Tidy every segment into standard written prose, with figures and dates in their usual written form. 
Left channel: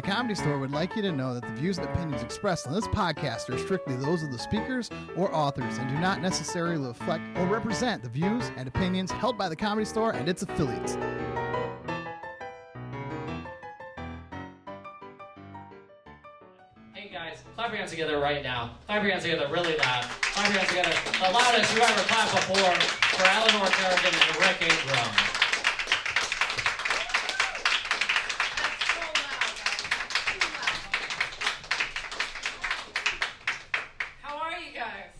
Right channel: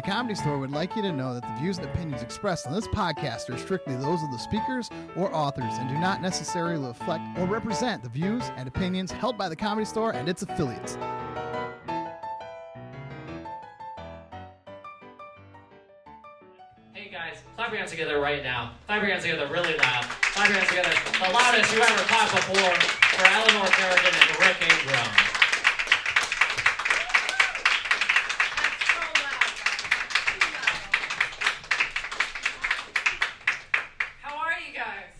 The Comedy Store would like you to know that the views and opinions expressed on this podcast are strictly those of the speakers or authors and do not necessarily reflect or represent the views and opinions held by the Comedy Store and its affiliates. Hey guys, clap your hands together right now. Clap your hands together really loud. Clap your hands together the loudest you ever clapped before for ELEANOR Kerrigan and Rick Ingram. How are you guys?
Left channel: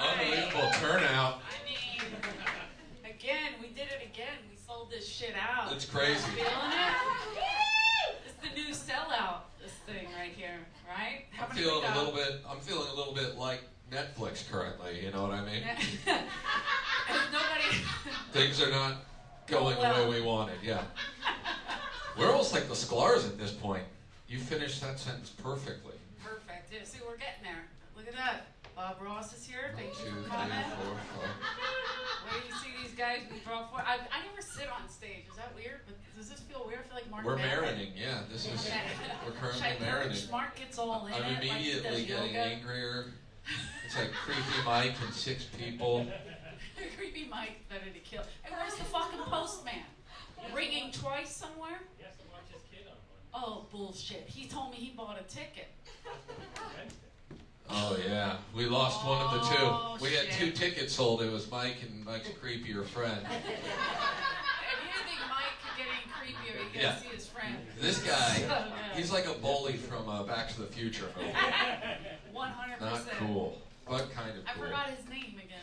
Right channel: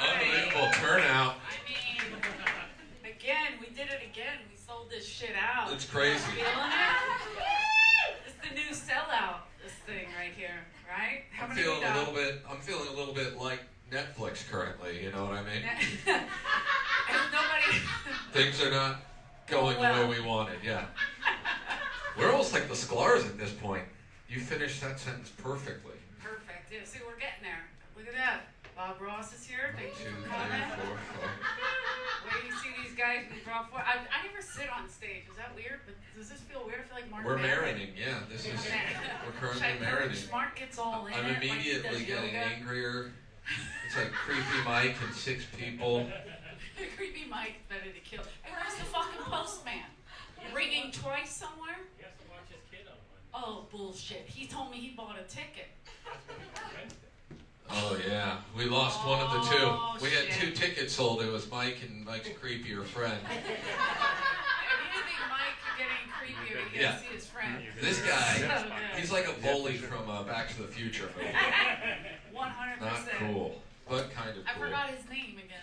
Unbelievable turnout. I mean, again, we did it again. We sold this shit out. It's crazy. Feeling it? It's the new sellout, this thing right here, right? How I'm many feeling we got? I'm feeling a little bit like Netflix currently, you know what I mean? And nobody... Things are not going the way we wanted, yeah. We're almost like the Sklar's at this point. You finished that sentence perfectly. Perfect. Yeah, see, we're getting there. Look at that. Bob Ross is here. Thank you 2, 3, for coming. 4, 5. Where you see these guys we brought for. I never sit on stage. Is that weird? But does this feel weird? I feel like Mark. We're marinating, yeah. We're currently marinating. Mark gets all in I'm it. immediately like he does getting yoga. angrier. It's like creepy Mike and 6 people. Creepy Mike ready to kill. Hey, where's the fucking postman? Ringing twice somewhere? He has to watch his kid on one. Oh, bullshit. He told me he bought a ticket. Oh yeah, we lost one of the two. Oh, We had shit. 2 tickets sold. It was Mike and Mike's creepier friend. If you think Mike could get any creepier, you gotta Yeah. see his friend. This So guy, good. he's like a bully from Back to the Future movie. 100%. Not cool, but kind of I cool. forgot his name again.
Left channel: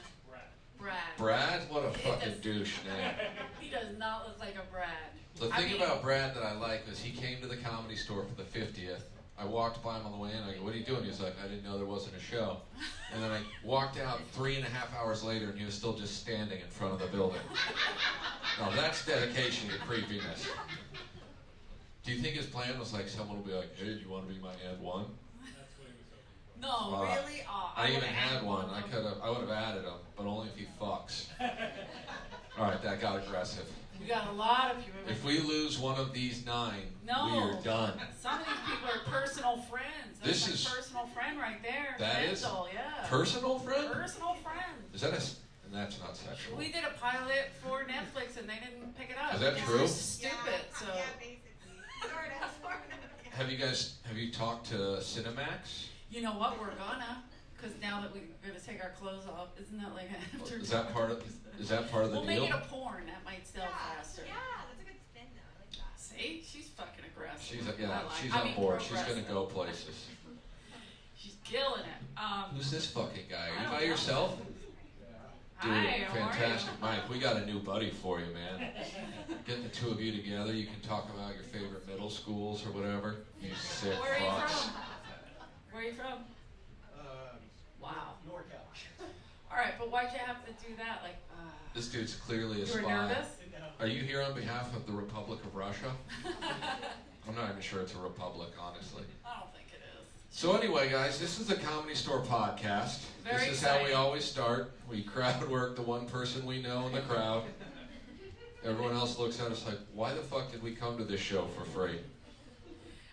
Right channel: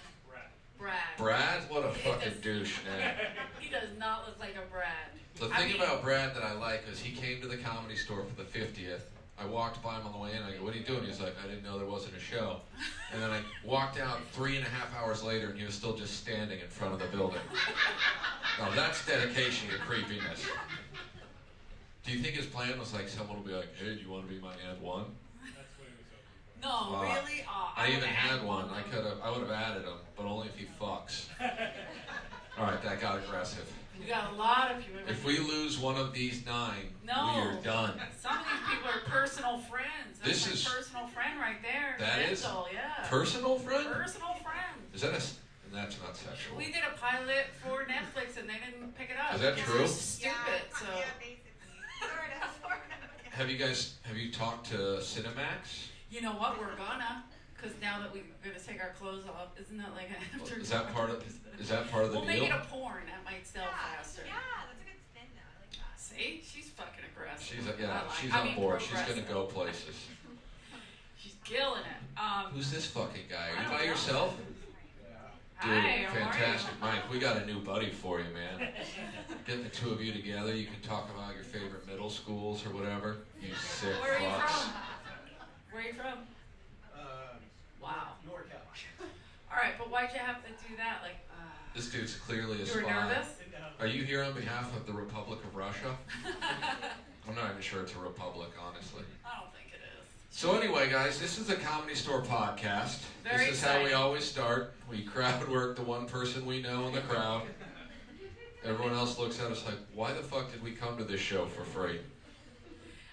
Brad. Brad? What a fucking douche, man. He does not look like a Brad. The thing about Brad that I like is he came to the Comedy Store for the 50th. I walked by him on the way in. I go, "What are you doing?" He's like, "I didn't know there wasn't a show." And then I walked out 3.5 hours later, and he was still just standing in front of the building. Now that's dedication to creepiness. Do you think his plan was like someone will be like, "Hey, do you want to be my ad one?" No, really? Oh, I even would've had one. of them. I would have added him, but only if he fucks. All right, that got aggressive. We got a lot of people. If we lose one of these 9, No. we are done. Some of these people are personal friends. That's This my is- personal friend right there. That is? Mental, yeah. Personal friend? Personal friend. Is that and that's not sexual. We did a pilot for Netflix and they didn't pick it up. Is that It's true? Stupid. So Have you talked to Cinemax? you know what? We're gonna. Because now that we're gonna take our clothes off, isn't that like after? Is that part of the We'll deal? make it a porn. That might sell faster. Yeah, that's a good spin though. I like that. See, she's fucking aggressive. She's I on mean, board. She's gonna progressive. go places. She's killing it. Who's this fucking guy? I Are you don't by know. yourself? Dude, Hi, how are you? fantastic, Mike. We got a new buddy for you, man. Getting the 2 of you together, you can talk about your favorite middle schools or whatever. You sick Where are you fucks. from? Where are you from? Wow. NorCal. All right, but why'd you have to do that? Like, This dude's clearly a you were spy. nervous? Are you here on behalf of the Republic of Russia? I'm not even sure it's a republic, honestly. I don't think it is. So anyway, guys, this is the Comedy Store podcast. Very This is how we exciting. always start. We crowd work the one person we know in the crowd. Everyone else looks at us like, why the fuck did we come to this show for free?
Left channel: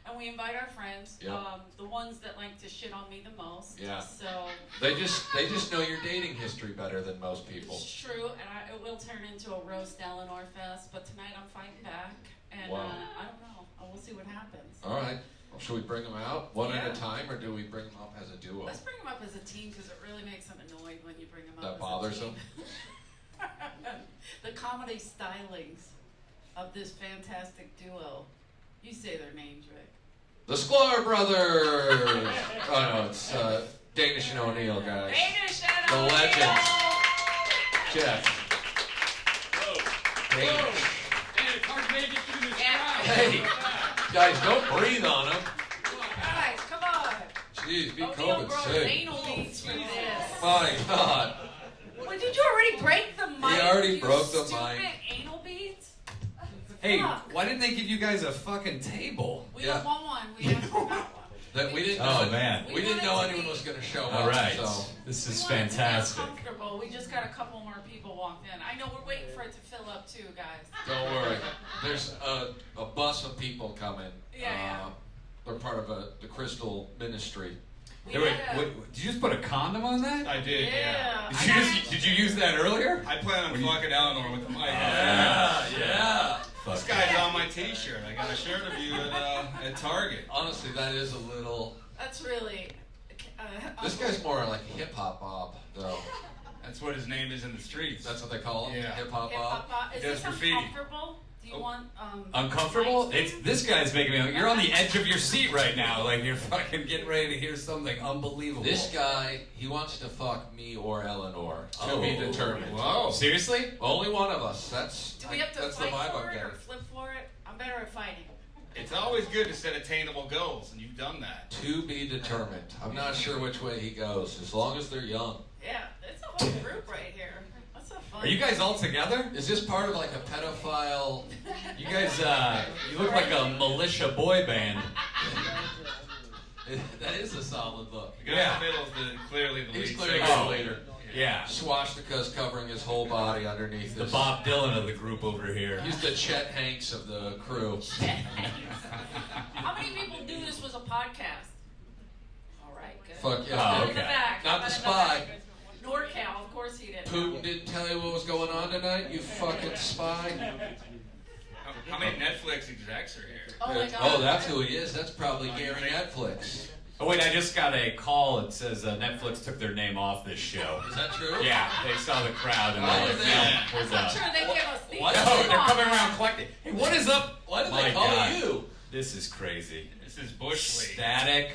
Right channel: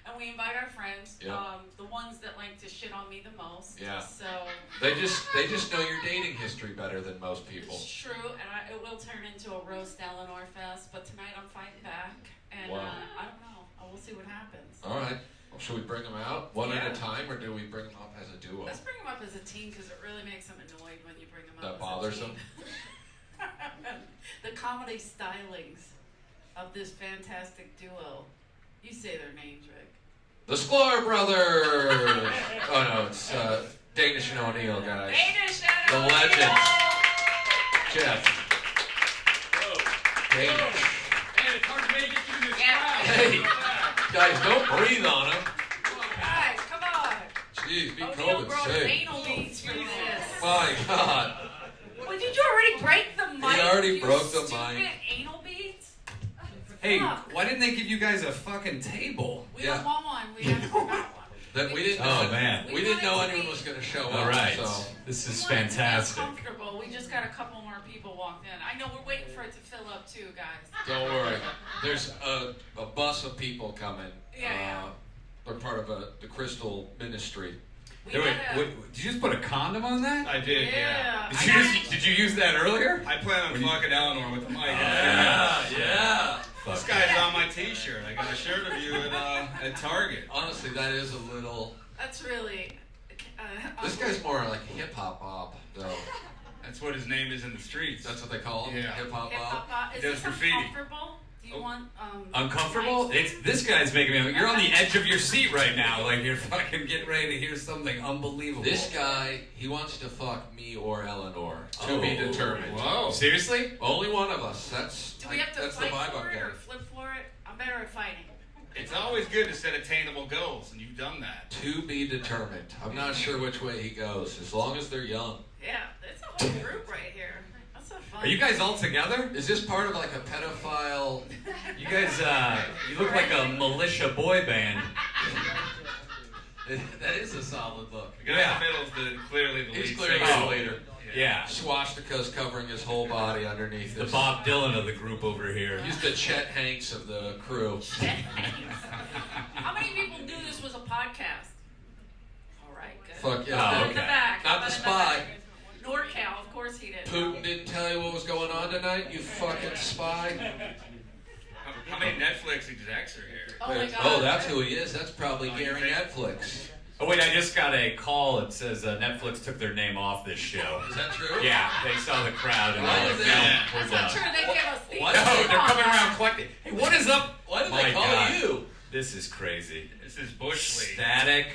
And we invite our friends, Yeah. the ones that like to shit on me the most. Yeah. So They just know your dating history better than most people. it's true, and it will turn into a roast ELEANOR fest. But tonight I'm fighting back, and Wow. I don't know. We'll see what happens. All right. Well, should we bring them out one at Yeah. a time, or do we bring them up as a duo? Let's bring them up as a team because it really makes them annoyed when you bring them up That as bothers a team. The comedy stylings of this fantastic duo. You say their names, Rick. The Sklar Brothers! Oh no, it's Danish and O'Neill, guys. Danish and The O'Neill! legends. Jeff. Danish. Hey, it's hard to make it through this Yeah. crowd. Hey, guys, don't breathe on him. Guys, come on! Jeez, be O'Neill COVID broke safe. anal beads for this. My God. Well, did you already break the mic? already you broke the stupid mic. Anal beads? Hey, Fuck. why didn't they give you guys a fucking table? We Yeah. don't want one. We haven't got one. That we didn't Oh, know. man. We didn't know wanted to anyone be- was going to show All up. right, So this We is wanted to be fantastic. uncomfortable well, we just got a couple more people walked in. I know we're waiting for it to fill up too, guys. Don't worry. There's a bus of people coming. Yeah. They're part of the Crystal Ministry. We Hey, wait, had a- did you just put a condom on that? I did, yeah. Did you use that earlier? I plan on fucking Eleanor with the mic. Yeah. This guy's on my T-shirt. I got a shirt of you at Target. Honestly, that is a little. That's really. This guy's more like hip hop Bob, though. That's what his name is in the streets. That's what they call him. Yeah. Hip hop Bob. Is He does this graffiti. uncomfortable? Do you want Uncomfortable? mics? This guy's making me. You're on the edge of your seat right now. Like you're fucking getting ready to hear something unbelievable. This guy, he wants to fuck me or Eleanor. To be determined. Whoa. Seriously? Only one of us. That's. Do we have to that's the fight vibe for I'm it or getting. flip for it? I'm better at fighting. It's always good to set attainable goals, and you've done that. To be determined. I'm not sure which way he goes, as long as they're young. Yeah, it's a whole group right here. That's so fun. Are you guys all together? Is this part of like a pedophile? You guys, you look like a militia boy band. That is a solid look. The guy Yeah. in the middle is clearly the lead He's clearly singer. the leader. Yeah. Swastikas covering his whole body underneath The this. Bob Dylan of the group over here. He's the Chet Hanks of the crew. How many people knew this was a podcast? All right, good. Fuck yeah. Oh, How about in okay. the back? How Not about the in spy. back? NorCal, of course he did. Putin didn't tell you what was going on tonight, you fucking spy. How many Netflix execs are here? Oh my God. Oh, that's who he is. That's probably Gary Netflix. Oh wait, I just got a call that says Netflix took their name off this show. Is that true? Yeah, they saw the crowd and Why they're did like, they- no, I'm we're not done. sure they give us the. What? No, they're Come on, coming man. around collecting. Hey, what is up? Why did My they call God. you? This is crazy. This is Bush League. Static.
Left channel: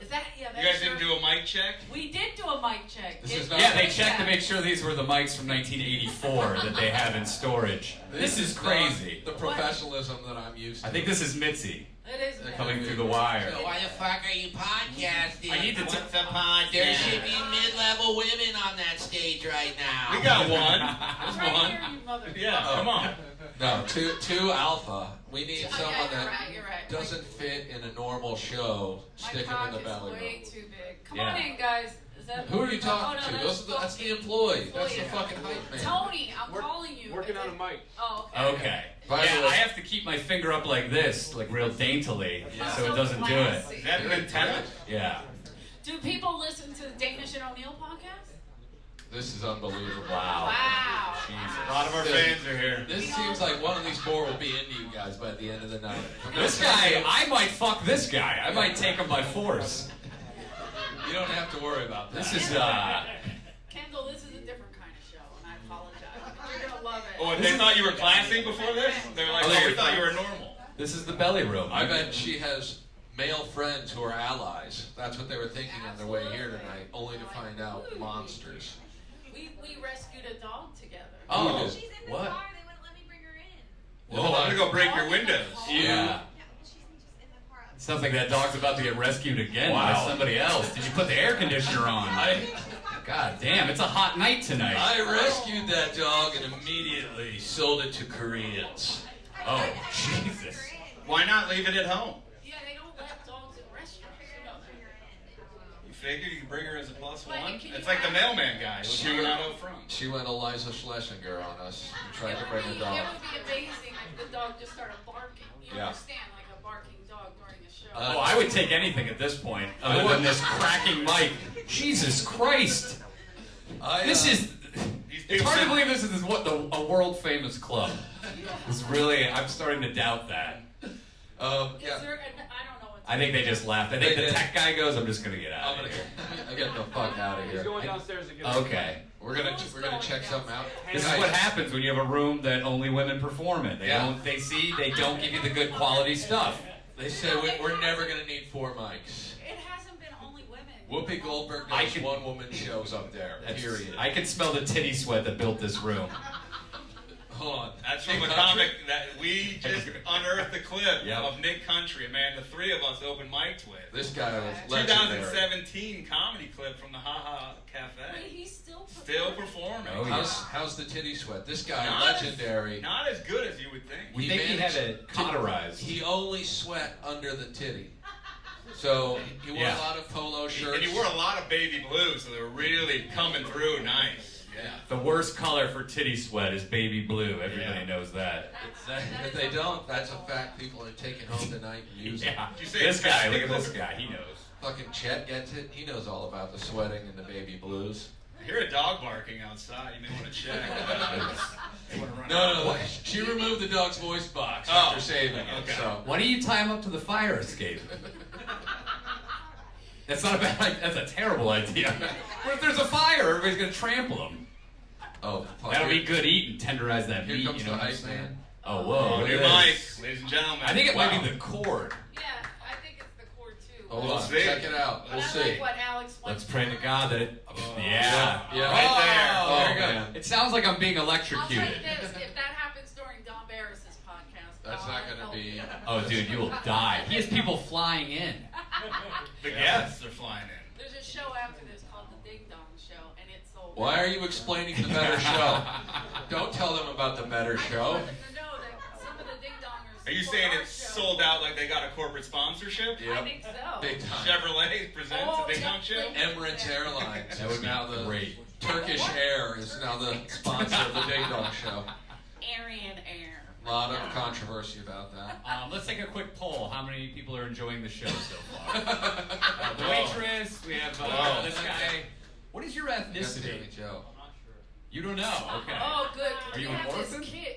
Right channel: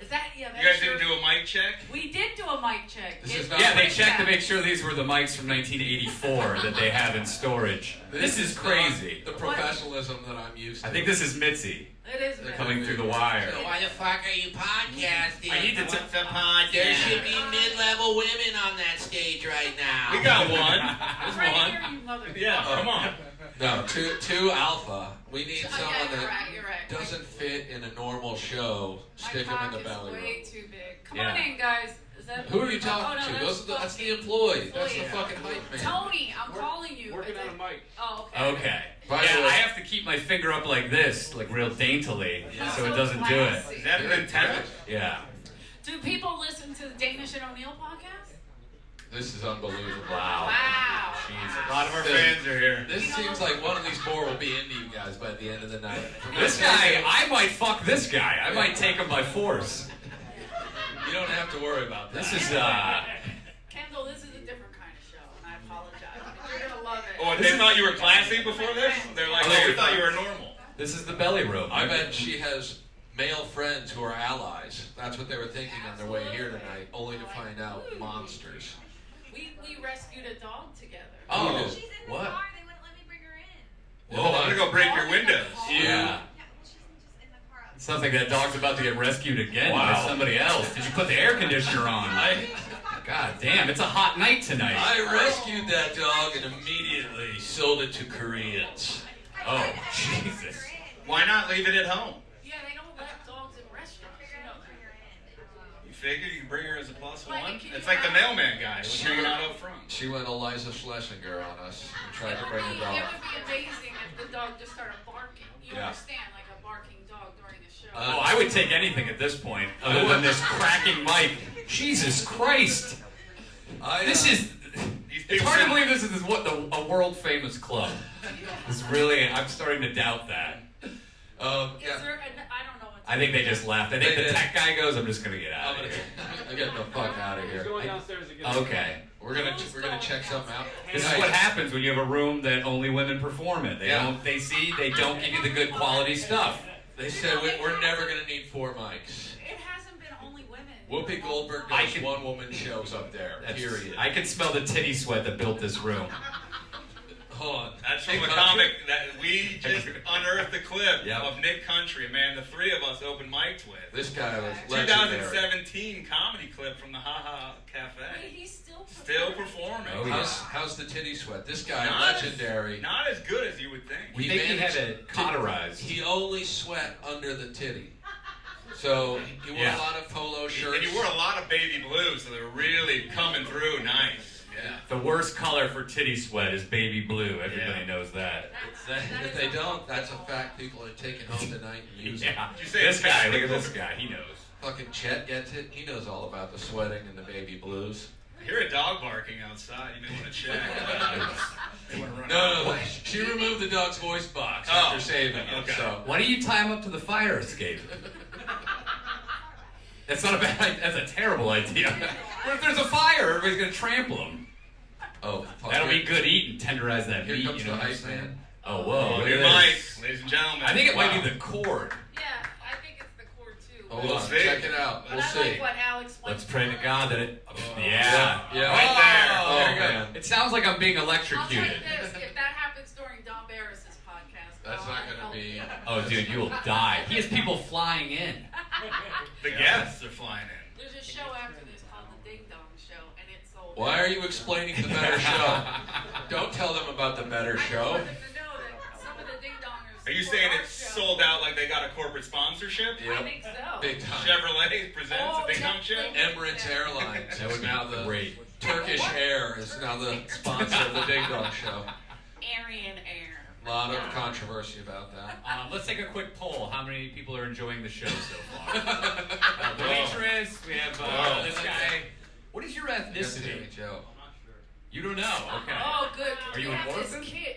Is that yeah? You That's guys true. didn't do a mic check? We did do a mic check. This It- is not- Yeah, they it's checked to that. make sure these were the mics from 1984 that they have in storage. This is not crazy. The professionalism that I'm used to. I think this is Mitzi It is. They're bad. coming through the wire. So why the fuck are you podcasting? I need to What's a podcast? There should be mid-level women on that stage right now. We got one. I'm There's right one. here, you mother. Yeah, come on. No, two alpha. We need Yeah, someone you're that right, you're right. doesn't fit in a normal show. My Stick him cock in the is belly way room. too big. Come Yeah. on in, guys. Is that Who are you oh, talking no, to? That's the fucking- employee. That's the employee. fucking hype man. Tony, I'm calling you. Working Is on it- a mic. Oh, okay. Okay. By the Yeah, way- I have to keep my finger up like this, like real daintily, That's so it so doesn't do it. classy. Is that an Very antenna? good. Yeah. Do people listen to the Danish and O'Neill podcast? This is unbelievable. Wow. Wow. Jesus. A lot of our fans are here. This You know- seems like one of these four will be into you guys by the end of the night. This guy, I might fuck this guy. I might take him by force. You don't have to worry about that. This is, Kendall, this is a different kind of show, and I apologize. But you're gonna love it. Oh, and they thought you were classy before this? They're like, oh, we thought you were normal. this is the belly room. I bet she has male friends who are allies. That's what they were thinking on their way here tonight, only to find out monsters. We rescued a dog together. Oh, She's in the what? car. They wouldn't let me bring her in. Well, I'm gonna go break your windows. Yeah. Yeah, well, she's just in the car. It sounds like that dog's about to get rescued again by Wow. somebody else. Did you put the air conditioner on? God damn, it's a hot night tonight. I rescued that dog and immediately sold it to Koreans. Oh, Jesus. Why not leave it at home? Yeah, they don't let dogs in restaurants. You know that. You figure you can bring her as a plus Like, one? can It's you like the imagine? mailman guy who's hanging out up front. She went Eliza Schlesinger on us and tried to It bring would her be dog. amazing if the dog just started barking. You Yeah. understand, like a barking dog during a show. Oh, I would take anything at this point, other than this cracking mic. Jesus Christ. This is... These It's people hard to said- believe this is a world famous club. It's really, I'm starting to doubt that. Is Yeah. there, I don't know what I think they just left. I think They the did. tech guy goes, I'm just gonna get I'm out of here. gonna get the fuck out of here. downstairs again. Okay. We're gonna check something out. This is what happens when you have a room that only women perform in. They Yeah. don't, they don't give you the good quality stuff. They said we're never gonna need 4 mics. It hasn't been only women. Whoopi Goldberg I does can- one woman shows up there. Period. I can smell the titty sweat that built this room. Hold on. That's from Nick a Country? comic that we just unearthed the clip Yep. of Nick Country, a man the three of us opened mics with. This guy was legendary. 2017 comedy clip from the Ha Ha Wait, Cafe. he's still Still performing. Oh, yeah. How's the titty sweat? This guy, Not legendary. Not as good as you would think. We think he had it cauterized. He only sweat under the titty. So he wore Yeah. a lot of polo shirts. And he wore a lot of baby blue, so they were really coming through nice. The worst color for titty sweat is baby blue. Everybody knows that. If they don't, that's a fact people are taking home tonight and using. Yeah. This guy, look at this guy. He knows. Fucking Chet gets it. He knows all about the sweating and the baby blues. I hear a dog barking outside. You may want to check. No. She removed the dog's voice box after saving it. Okay. So. Why don't you tie him up to the fire escape? That's not a bad. That's a terrible idea. What if there's a fire? Everybody's gonna trample him. Oh, fuck. That'll be good eating. Tenderize that Here meat. comes You know the what I'm hype saying? man. Oh, whoa! Look Your at mic, this. ladies and gentlemen. I think it might be the cord. Yeah, I think it's the cord too. Hold We'll on, see. check it out. But We'll I see. like what Alex wants. Let's pray to God that it. Yeah. Right there. Oh, There you go. man. It sounds like I'm being I'll tell you electrocuted. this: if that happens during Don Barris's podcast, That's God not gonna help be. you. Oh, dude, you'll die. He has people flying in. The guests are flying in. There's a show after this called The Ding Dong Show, and it's sold. Why are you explaining the better show? Don't tell them about the better I just show. want them to know that some of the Ding Dongers. Are you support saying our it's show. sold out like they got a corporate sponsorship? I think so. Big time. Chevrolet presents Oh, a Ding Dong show? Netflix. Emirates Airlines That is would be now the great. Turkish Air is now the sponsor of the Ding Dong Show. Aryan Air. A lot of controversy about that. Let's take a quick poll. How many people are enjoying the show so far? The waitress. We have Whoa. this guy. What is your That's ethnicity? Sammy Joe. You don't know. Okay. Oh, good. Are you we an have this orphan? kid.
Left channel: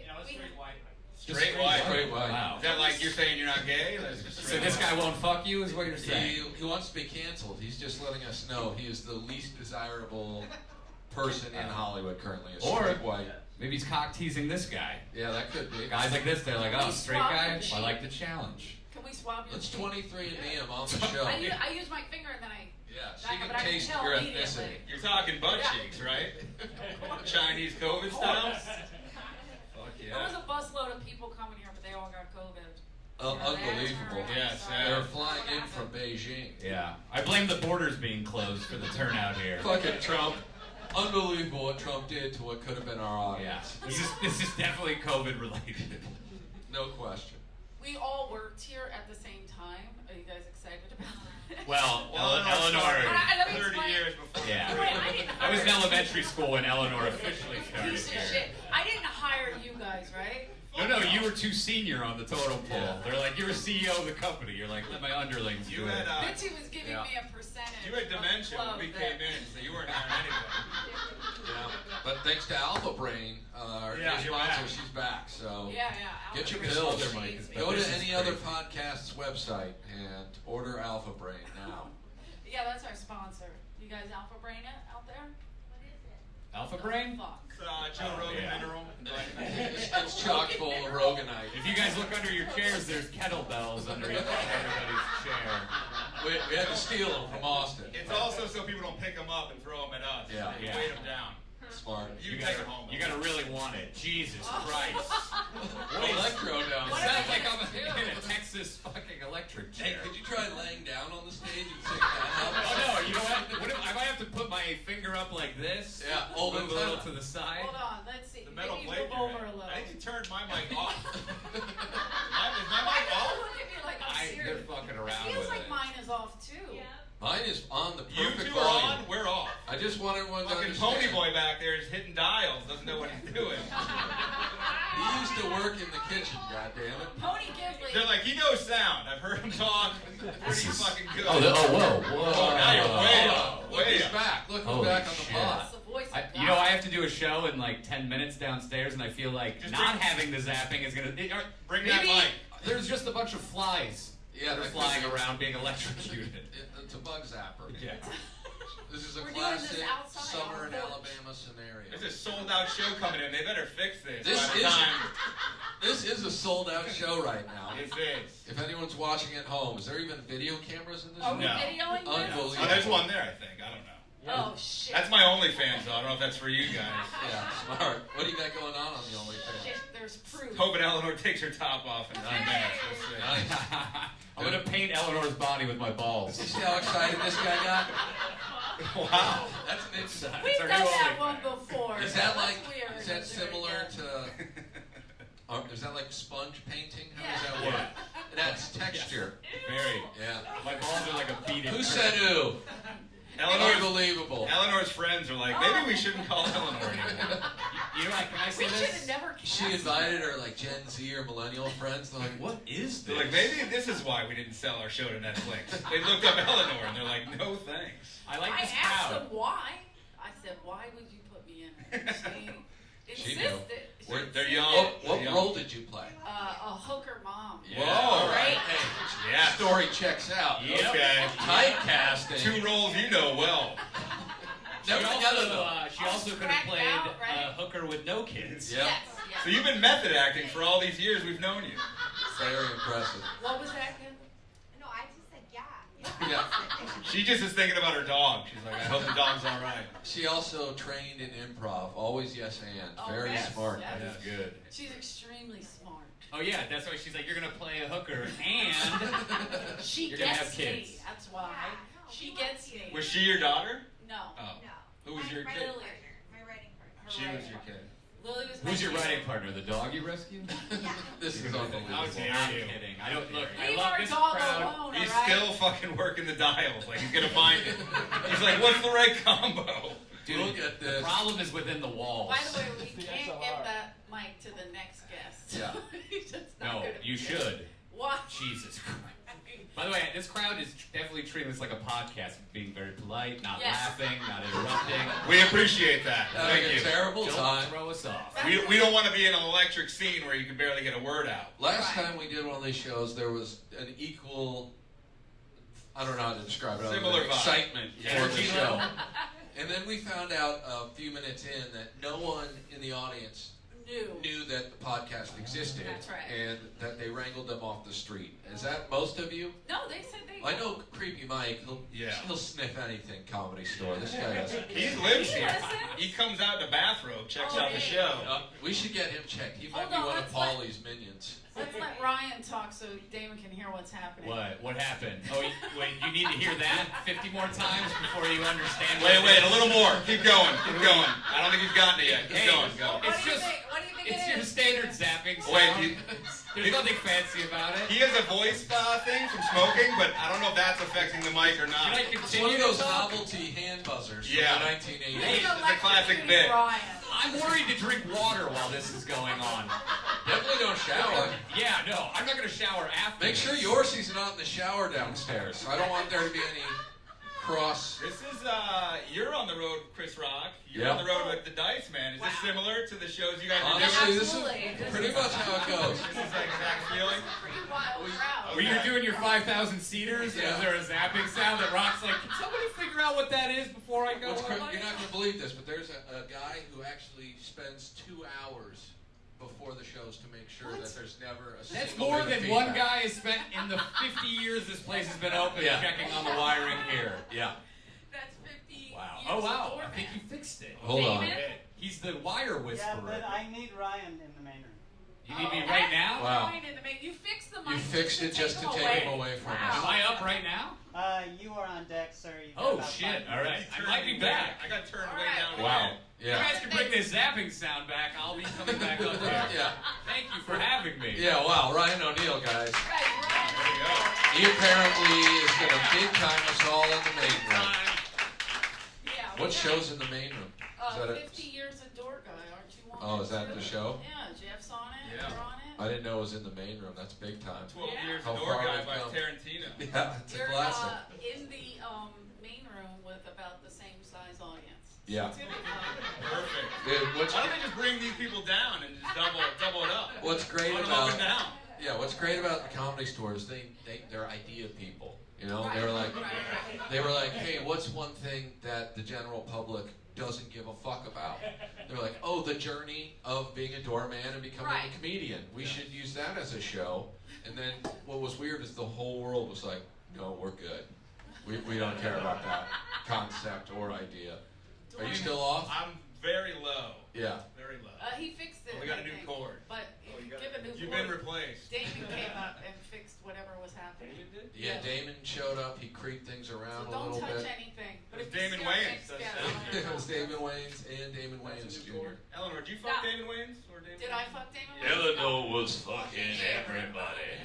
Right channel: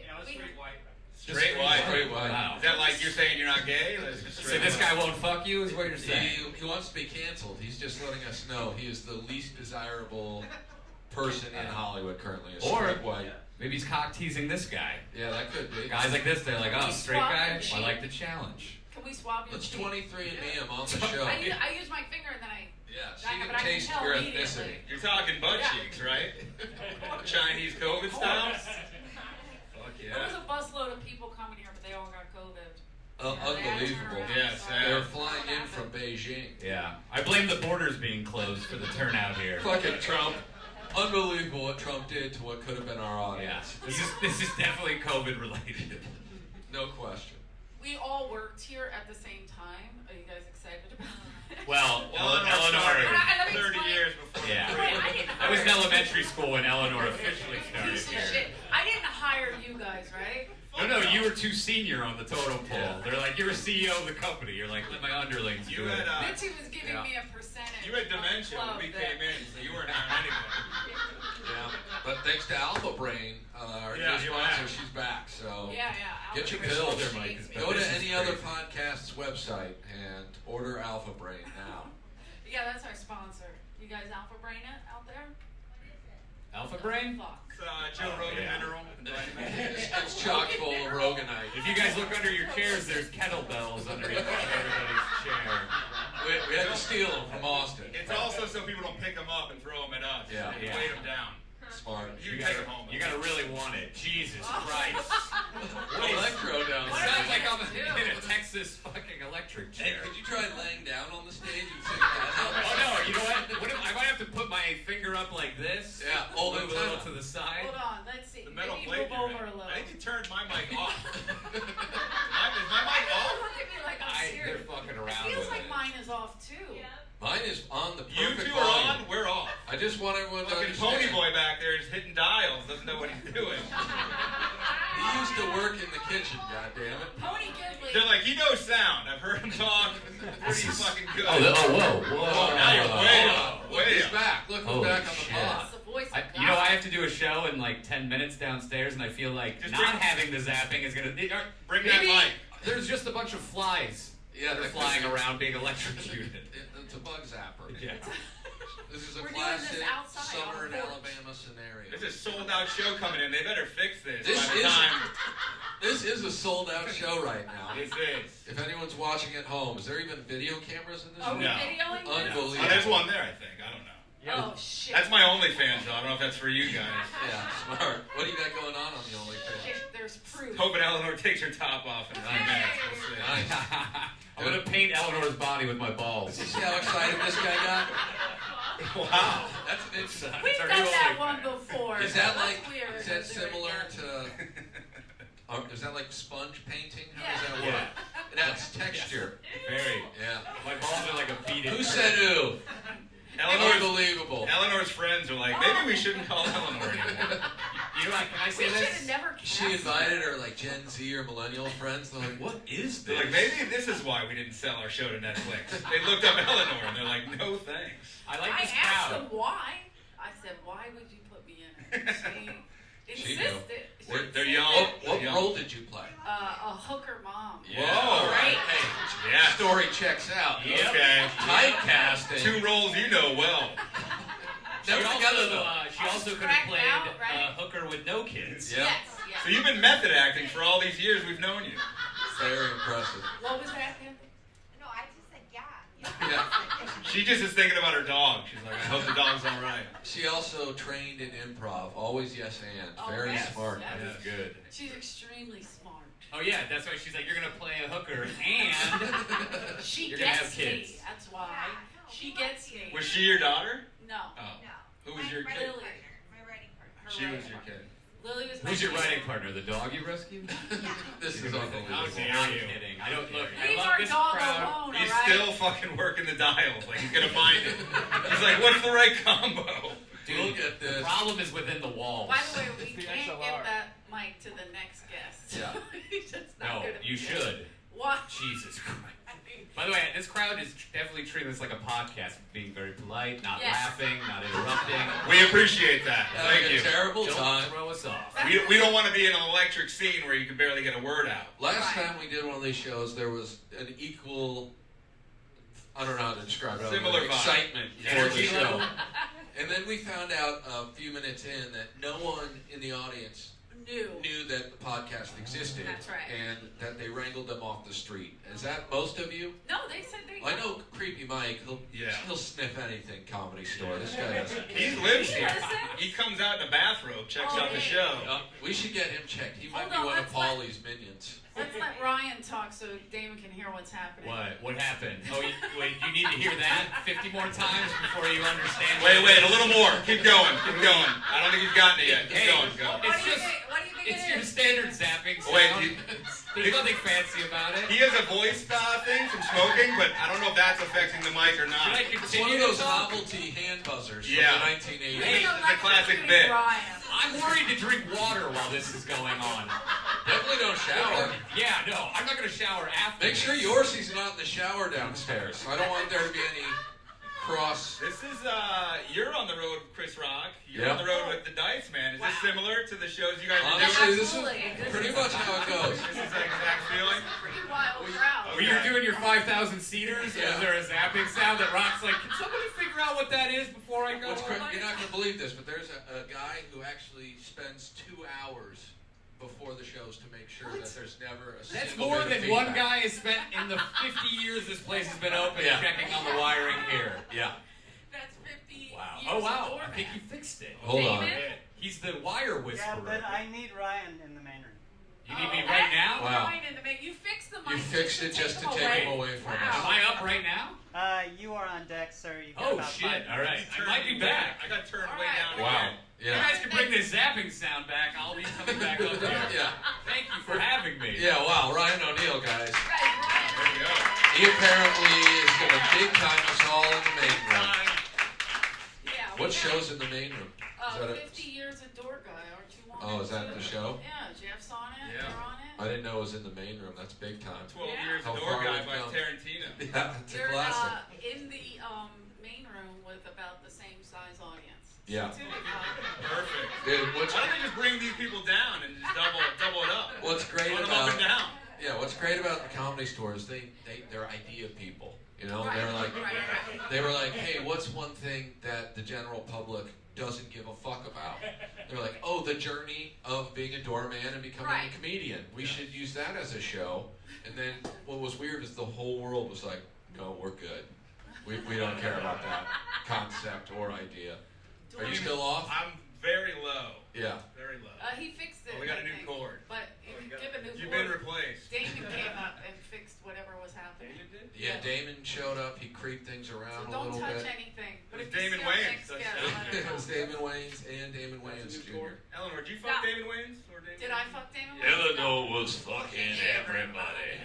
Straight white. Straight white. Wow. Is that like you're saying you're not gay? So this guy won't fuck you, is what you're saying? He wants to be canceled. He's just letting us know he is the least desirable person in Hollywood currently. A Or- straight white. Maybe he's cock teasing this guy. Yeah, that could be. Guys like this, they're like, oh, We straight swap guy. the I like the cheek. challenge. Can we swap your Let's cheek? 23andMe him on the show. I use my finger and then I. Yeah, I- so you but can I can taste tell your immediately. ethnicity. You're talking butt Yeah. cheeks, right? Chinese COVID style? Fuck There was yeah. a busload of people coming here, but they all got COVID. Oh, Yeah, they had to turn unbelievable. around. Yes, Sorry. They were flying in from Beijing. Yeah. I blame the borders being closed for the turnout here. Fucking Trump. Unbelievable what Trump did to what could have been our Yeah. audience. This is definitely COVID related. No question. We all worked here at the same time. Are you guys excited about it? Well, Eleanor Eleanor. started Let me 30 explain. years before. Yeah. Wait, I didn't I was in hire- elementary school when Eleanor officially started Piece of here. shit. I didn't hire you guys, right? No, you were too senior on the totem pole. Yeah. They're like, you're a CEO of the company. You're like, let my underlings do You it. had Mitzi was giving Yeah. me a percentage. you had of the dementia club when we that- came in, so you weren't hiring anybody. Yeah. But thanks to Alpha Brain, our Yeah, new you're sponsor, back. she's back. So Yeah. get your Alpha pills. Brain Mike, Cheese, but Go this to is any other crazy. podcast's website and order Alpha Brain now. Yeah, that's our sponsor. You guys Alpha Brain it out there? Alpha Brain? Fuck. It's Joe Rogan Yeah. mineral. It's chock full of Roganite. If you guys look under your chairs, there's kettlebells under everybody's chair. We had to steal them from Austin. It's also so people don't pick them up and throw them at us. Yeah. They Yeah. weight them down. Smart. You take them home. You gotta really want it. Jesus Christ. What electro down It What there? sounds like I'm do? in a Texas fucking electric Hey, chair. could you try laying down on the stage and sing that Oh no, you know what? I might have to put my finger up like this. Yeah, hold move it a little tight. to the side. Hold on, let's see. The metal Maybe plate. move over a little. I think you turned my mic off. Is my Why mic do you off? look at me like I'm They're serious? fucking It around feels with like it. mine is off too. Mine is on the You perfect two are volume. on, we're off. I just want everyone to Fucking understand. Pony Boy back there is hitting dials, doesn't know what he's doing. He used to work in the kitchen, goddammit. Pony Gidley. They're like, he knows sound. I've heard him talk. Pretty fucking good. Whoa. Oh, now you're way Hold up. on. Look Way who's up. back. Look who's Holy back on the shit. pod. That's the voice of You know, God. I have to do a show in like 10 minutes downstairs, and I feel like Just not bring- having the zapping is gonna. Bring that maybe mic. There's just a bunch of flies Yeah, that are that flying could be. around being electrocuted. It's a bug zapper. Yeah. This is a We're doing this classic outside summer on in the porch. Alabama scenario. There's a sold out show coming in. They better fix this This by the is- time. This is a sold out show right now. This is. If anyone's watching at home, is there even video cameras in this Are we No. videoing this? Unbelievable. Oh, there's one there, I think. I don't know. Oh shit. That's my OnlyFans, though. I don't know if that's for you guys. Yeah, smart. What do you got going on the OnlyFans? There's proof. Hoping Eleanor takes her top off in 9 minutes. We'll see. Nice. I'm gonna paint Eleanor's body with my balls. You see how excited this guy got? Wow. That's an interesting. We've It's our done new that OnlyFans. one before. Is so that that's like? weird. Is that There we similar go. to? Is that like sponge painting? How does Yeah. that work? Yeah. It adds texture. Very. Yeah. My balls are like a beaded. Who said ooh? Unbelievable. Eleanor's friends are like, maybe we shouldn't call Eleanor anymore. You know, like, can I say We should this? have never She invited her like Gen Z or millennial friends. They're like, what is They're this? like, maybe this is why we didn't sell our show to Netflix. They looked up Eleanor and they're like, no thanks. I like I this asked crowd. them why. I said, why would you put me in it? She She knew. insisted. They're young. What role did you play? A hooker mom. Yeah, Whoa. all right. Right. Hey, Yeah. story checks out. Yep. Okay. Typecasting. 2 roles you know well. Never together though. She also could have Cracked played out, right? a hooker with no kids. Yeah. Yes, yes. So you've been method acting for all these years we've known you. Very impressive. What was that, Ken? No, I just said yeah. Yeah. She just is thinking about her dog. She's like, I hope the dog's all right. She also trained in improv. Always yes and. Oh, Very yes, smart. yes. That's good. She's extremely smart. Oh yeah, that's why she's like, you're gonna play a hooker and She You're gonna gets have kids. me. That's why. She gets me. Was she your daughter? No. Oh. No. Who was My your writing kid? Lily. partner. My writing partner. Her She was writing your partner. kid. Lily was my who's your kid. writing partner? The dog you rescued? This is unbelievable. How dare I'm you. kidding. I don't look. I Leave love our this dog crowd. alone, He's alright? still fucking working the dials. Like, he's gonna find it. He's like, what's the right combo? Dude, Look at the this. problem is within the walls. By the way, we can't get that mic to the next guest. Yeah. He's just not No, gonna you be should. What? Jesus Christ. By the way, this crowd is definitely treating this like a podcast, being very polite, not Yes. laughing, not interrupting. We appreciate that. Having Thank a you. terrible Don't time. throw us off. We don't want to be in an electric scene where you can barely get a word out. Last Right. time we did one of these shows, there was an equal, I don't know how to describe it, other Similar than vibe. excitement Yeah. for the Energy show. level. And then we found out a few minutes in that no one in the audience knew that the podcast existed. That's right. And that they wrangled them off the street. Is that most of you? No, they said they. I know Creepy Mike, Yeah. he'll sniff anything Comedy Store. This guy does. He lives here. Listen. He comes out in a bathrobe, checks Oh, out the yeah. show. We should get him checked. He might Hold be on, one of let's let- Paulie's minions. Let's let Ryan talk so Damon can hear what's happening. What happened? Oh, wait, you need to hear that 50 more times before you understand. Wait, what it a is? little more. Keep going. Keep going. I don't think he's gotten it yet. Keep Hey. going. Go. What It's do you just- think? What do you think It's it your is? standard zapping sound. Wait, There's nothing fancy about it. he has a voice thing from smoking, but I don't know if that's affecting the mic or Should not. I It's one continue of to those talk? novelty hand buzzers Yeah. from the 1980s. Hey, It's a classic bit. Ryan. I'm worried to drink water while this is going on. Definitely don't shower. Yeah, no, I'm not gonna shower after. Make sure Yorcie's not in the shower downstairs. I don't want there to be any cross. This is, you're on the road, Chris Rock. You're Yeah. on the road with the Dice Man. Is this Wow. similar to the shows you guys are Honestly, doing? this Absolutely. is This pretty is- much how it goes. This is the exact feeling? Pretty wild crowd. When you're doing your 5,000 seaters, Yeah. is there a zapping sound that Rock's like, can somebody figure out what that is before I go? What's home?" you're not going to believe this, but there's a guy who actually spends 2 hours before the shows to make sure What? that there's never a That's single more bit of than one feedback. guy has spent in the 50 years this place has been open Yeah. checking on the wiring here. Yeah. That's 50 Wow. years Oh, wow. of I doorman. think you fixed it. Hold on. David? He's the wire Yeah, whisperer. but I need Ryan in the main room. You need me Oh, right that's now? Wow. Ryan in the mic. You fixed the mic. You fixed it just to take him away from Wow. us. Am I up right now? You are on deck, sir. You've got Oh, about shit. 5 All right. minutes. I might be back. I got turned All way right. down. Wow. again. You Yeah. guys can bring this zapping sound back. I'll be coming back up here. Yeah. Thank you for having me. Yeah, wow. Ryan O'Neal, guys. Right, There Ryan. you go. He apparently is going to big time us all in the main room. Yeah. we What got, show's in the main room? Is that 50 years of door guy, aren't you on Oh, it is that too? the show? Yeah, Jeff's on it. Yeah. You're on it. I didn't know it was in the main room. That's big time. 12 Yeah. Years How a Door far Guy we've by come. Tarantino. Yeah, it's a You're classic. in the main room with about the same size audience. Yeah. So it's gonna be fun. Perfect. Dude, Why don't they just bring these people down and just double it up? what's great Run them up about and down. yeah, what's great about the Comedy Store is they're idea people. You know, Right, they were like right. they were like, hey, what's one thing that the general public doesn't give a fuck about? They're like, oh, the journey of being a doorman and becoming Right. a comedian. We should use that as a show. And then what was weird is the whole world was like, no, we're good. We don't care about that concept or idea. Are you still off? I'm very low. Yeah. Very low. He fixed it. Oh, we got I a new think. cord. But if you give a new You've cord, been replaced. Damon came up and fixed whatever was happening. Yeah, Damon showed up. He creeped things around So a don't little touch bit. anything. But It was if you Damon see our Wayans. next That's guest, it. let It was us know. Damon Wayans and Damon Wayans Jr. Eleanor, did you fuck No. Damon Wayans? Or Damon Did I Wayans? fuck Damon Wayans? Eleanor was fucking everybody.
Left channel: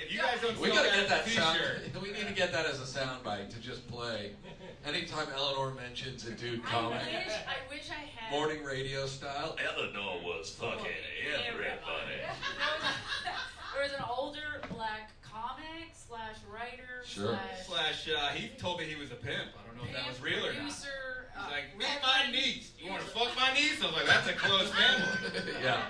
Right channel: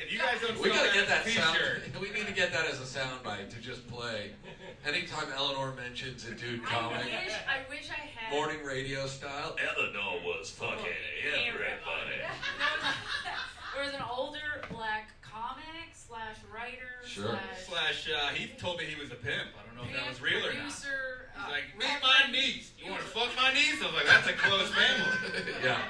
If you guys don't We sell gotta get that that as a sound. t-shirt. We need to get that as a soundbite to just play. Anytime Eleanor mentions a dude comic, I wish I had. morning radio style. Eleanor was fucking everybody. There was an older black comic slash writer Sure. Slash, he told me he was a pimp. I don't know if that was real or not. producer. He's like, meet my niece. You want to fuck my niece? I was like, that's a close family. Yeah,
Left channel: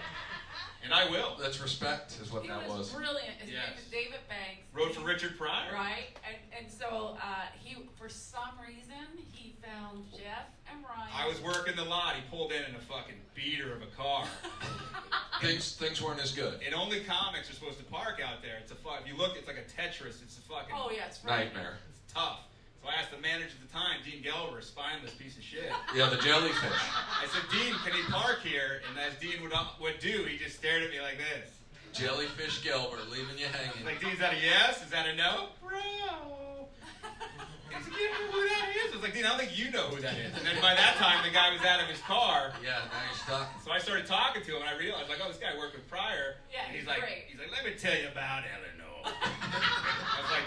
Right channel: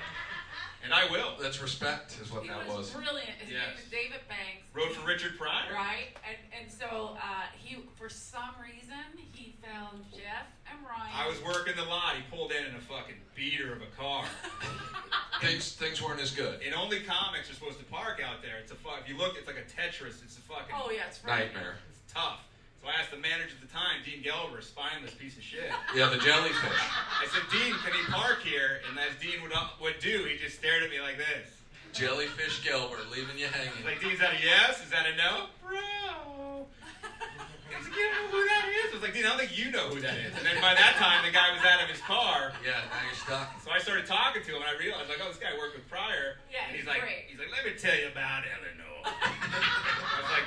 And I will. that's respect, is what He that was was. brilliant. His Yes. name is David Banks. Wrote for Richard Pryor? Right, and so he, for some reason, he found Jeff and Ryan. I was working the lot. He pulled in a fucking beater of a car. Things weren't as good. And only comics are supposed to park out there. It's a if you look, it's like a Tetris. It's a fucking Oh yeah, it's right. Nightmare. It's tough. So I asked the manager at the time, Dean Gelber, a spineless piece of shit. Yeah, the jellyfish. I said, Dean, can he park here? And as Dean would do, he just stared at me like this. Jellyfish Gelber, leaving you He's hanging. like, Dean, is that a yes? Is that a no? Bro. He's like, you don't know who that is? I was like, Dean, I don't think you know who that is. And then by that time, the guy was out of his car. Yeah, now you're stuck. So I started talking to him, and I realized, like, oh, this guy worked with Pryor. Yeah, and he's like, great. let me tell you about Eleanor. I was like,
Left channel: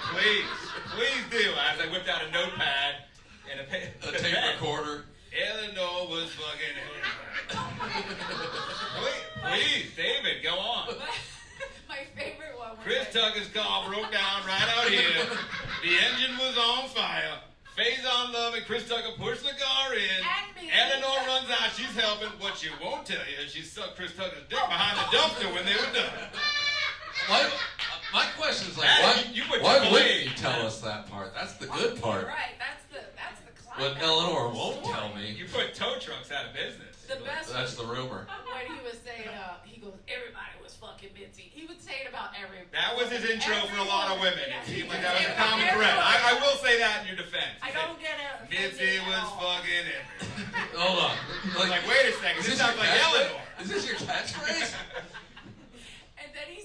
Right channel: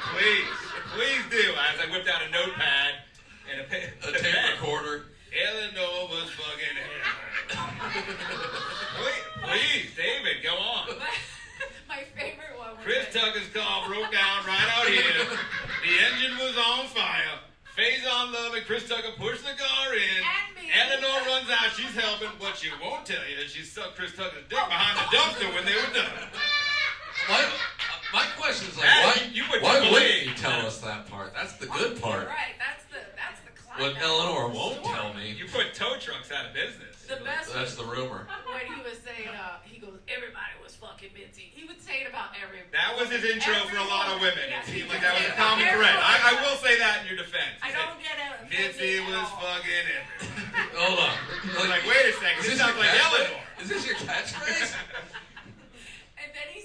please do. As I whipped out a notepad and a A pen. tape recorder. Eleanor was fucking. Please, David, go on. My favorite one was Chris Tucker's car broke down right out here. The engine was on fire. Faison Love and Chris Tucker pushed the car in. And me. Eleanor runs out. She's helping. What she won't tell you is she sucked Chris Tucker's dick behind the dumpster when they were done. My question is like, That- you would why believe wouldn't you tell that. us that part? That's the good part. Right, that's the What climax. Eleanor of the won't story. tell me. You put tow trucks out of business. The best That's the rumor. when he was saying, he goes, everybody was fucking Mitzi. He would say it about every. That was his intro for a lot of women. Yeah. It seemed like that was a common thread. I will say that in your defense. I don't get it. Mitzi was fucking everywhere. Hold on. I was like, wait a second. This sounds like Eleanor. Is this your catchphrase? And then he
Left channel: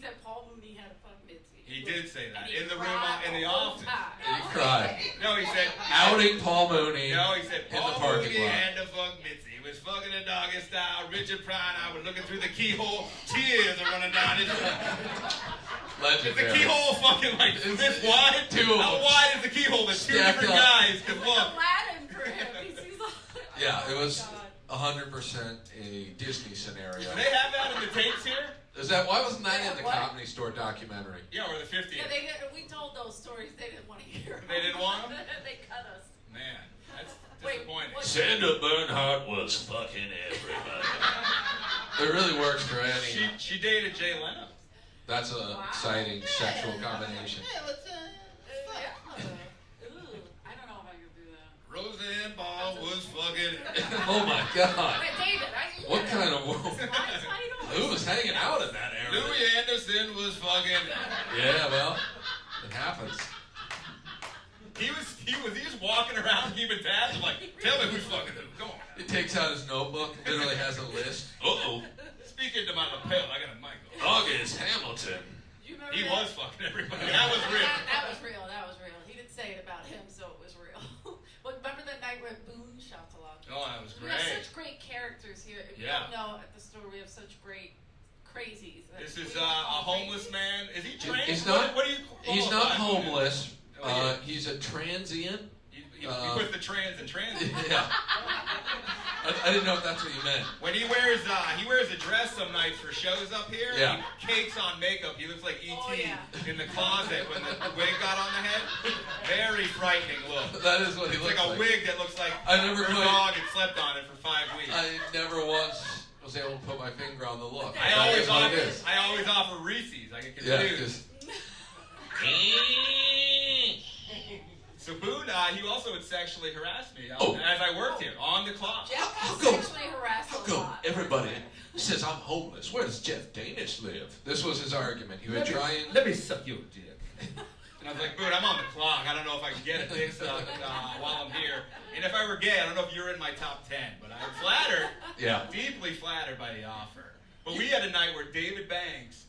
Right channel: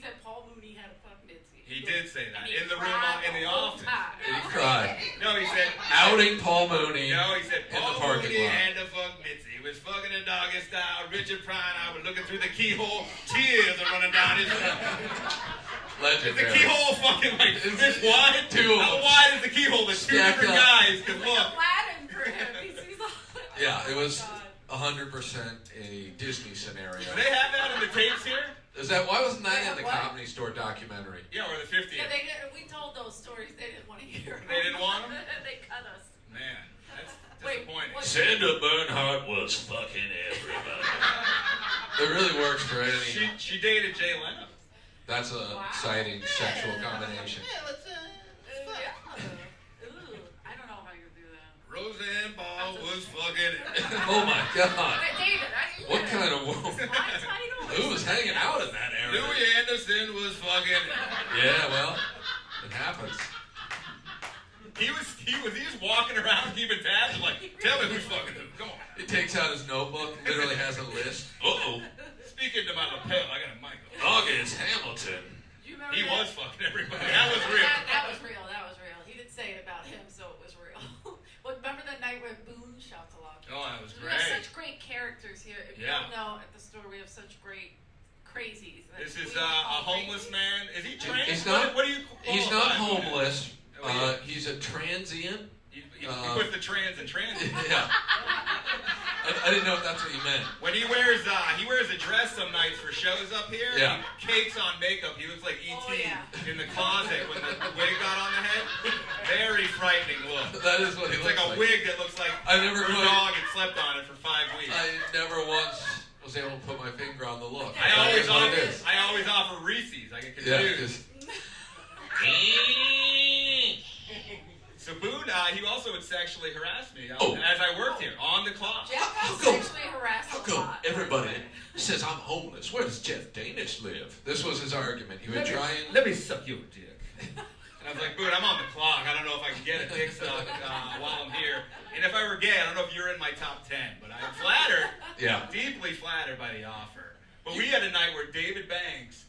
said Paul Mooney had a fuck Mitzi. He did say that And he in the room, cried in the whole office. time. And he cried. No, he said. Outing Paul Mooney. No, he said in the Paul parking Mooney lot. had to fuck Mitzi. He was fucking a doggy style. Richard Pryor and I were looking through the keyhole. Tears are running down his face. Is the Legendary. keyhole fucking like this wide? Two of How them. wide is the keyhole that two Stacked different up. guys could It's look? like Aladdin for him. He sees all. Yeah, it Oh my was God. 100% a Disney scenario. Do they have that in the tapes here? Is that why wasn't that in the What? Comedy Store documentary? Yeah, or the 50th. Yeah, we told those stories. They didn't want to hear. They didn't want 'em? They cut us. Man, that's Wait, disappointing. what- Sandra Bernhardt was fucking everybody. It really works for any. She dated Jay Leno. That's an Wow. exciting sexual combination. Yeah. Ooh, I don't know if I could do that. Roseanne Barr was fucking. Oh my God! Hey, David, What kind of It's woman? my title. Who was hanging out in that area? Louis Anderson was fucking. Yeah, well, it happens. He was just walking around keeping tabs. I'm like, tell me who's fucking who. Come on. He takes out his notebook, literally has a list. Uh-oh. Speaking to my lapel, I got a mic. August Hamilton. Do you remember He that? was fucking everybody. That was real. That was real. That was real. He didn't say it about him, so it was real. Well, remember the night where Boone shouts a lot? Oh, that was We have great. such great characters here. If Yeah. you don't know, at the store we have such great crazies. that This we is don't a call homeless crazy. man. Is he trans? He's not. What do you? He's not qualify him as? homeless. Oh, yeah. He's a transient. He puts the trans in trans. Yeah. I didn't know if that's what you meant. When he wears a dress some nights for shows up here. Yeah. He cakes on makeup. He looks like E.T. Oh, yeah. in the closet when the wig got on the head. Very frightening look. That is what he It's looks like a like. wig that looks like I never her quite- dog had slept on it for 5 weeks. I never once was able to put my finger on the look. I That always is what it is. offer Reese's. I get Yeah, confused. So Boone, he also would sexually harass me Oh. as I worked here on the clock. Jeff How got come- sexually harassed How a come lot. everybody says I'm homeless? Where does Jeff Danish live? This was his argument. He would try and. Let me suck your dick. And I was like, Boone, I'm on the clock. I don't know if I can get a dick suck while I'm here. And if I were gay, I don't know if you're in my top 10, but I'm flattered. Yeah. Deeply flattered by the offer. But we had a night where David Banks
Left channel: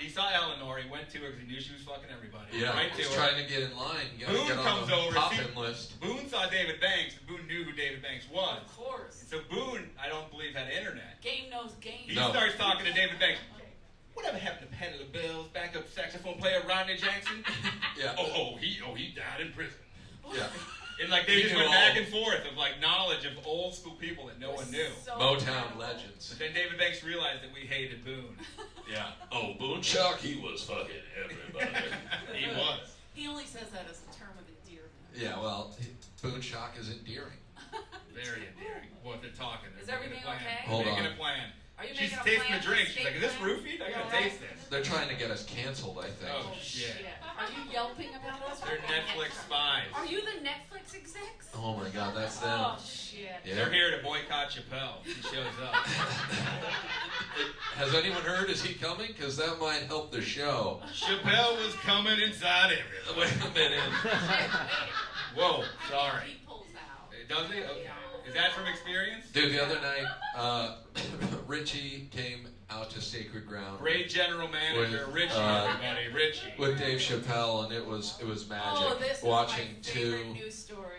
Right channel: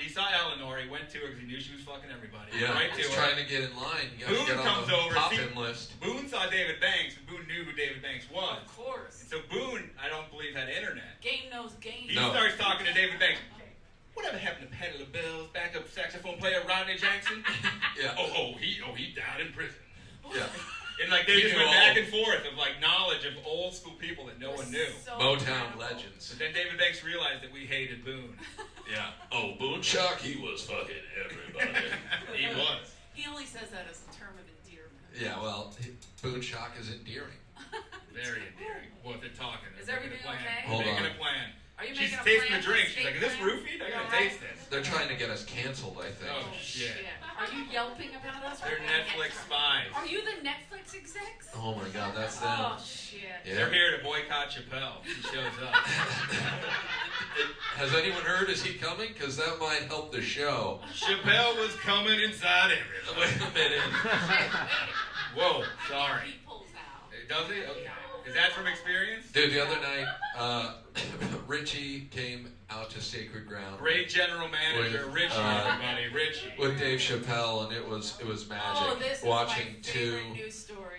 he saw Eleanor, he went to her because he knew she was fucking everybody. Yeah, right to he's her. trying to get in line. You gotta Boone get on comes the over. pop-in list. Boone saw David Banks, and Boone knew who David Banks was. Of course. And so Boone, I don't believe, had internet. Game knows game. He starts talking to David Banks. Whatever happened to Peddler Bills, backup saxophone player Rodney Jackson? Yeah. He died in prison. Yeah. And like they just went back and forth of like knowledge of old school people that no one knew. So Motown incredible. legends. But then David Banks realized that we hated Boone. Yeah. Oh, Boone Chuck, he was fucking everybody. He was. He only says that as a term of endearment. Yeah, well, Boone Shock is endearing. Very endearing. Well, if they're talking, Is they're everything making a plan. okay? Hold Making on. a plan. Are you She's making a tasting plan? the drink. She's Steak like, is this plan? roofied? I gotta Yeah. taste this. They're trying to get us canceled, I think. Oh, shit. Are you yelping about us? They're Netflix spies. Are you the Netflix execs? Oh my God, that's them. Oh, shit. Yeah. They're here to boycott Chappelle. He shows up. Has anyone heard? Is he coming? Because that might help the show. Chappelle was coming inside everything. Wait a minute. Whoa, I sorry. think he pulls out. Does he? Okay. Is that from experience? Dude, the other night, Richie came out to Sacred Ground Great general manager, With, Richie, everybody, Richie. with Dave Chappelle, and it was magic. Oh, this is watching my favorite two news story.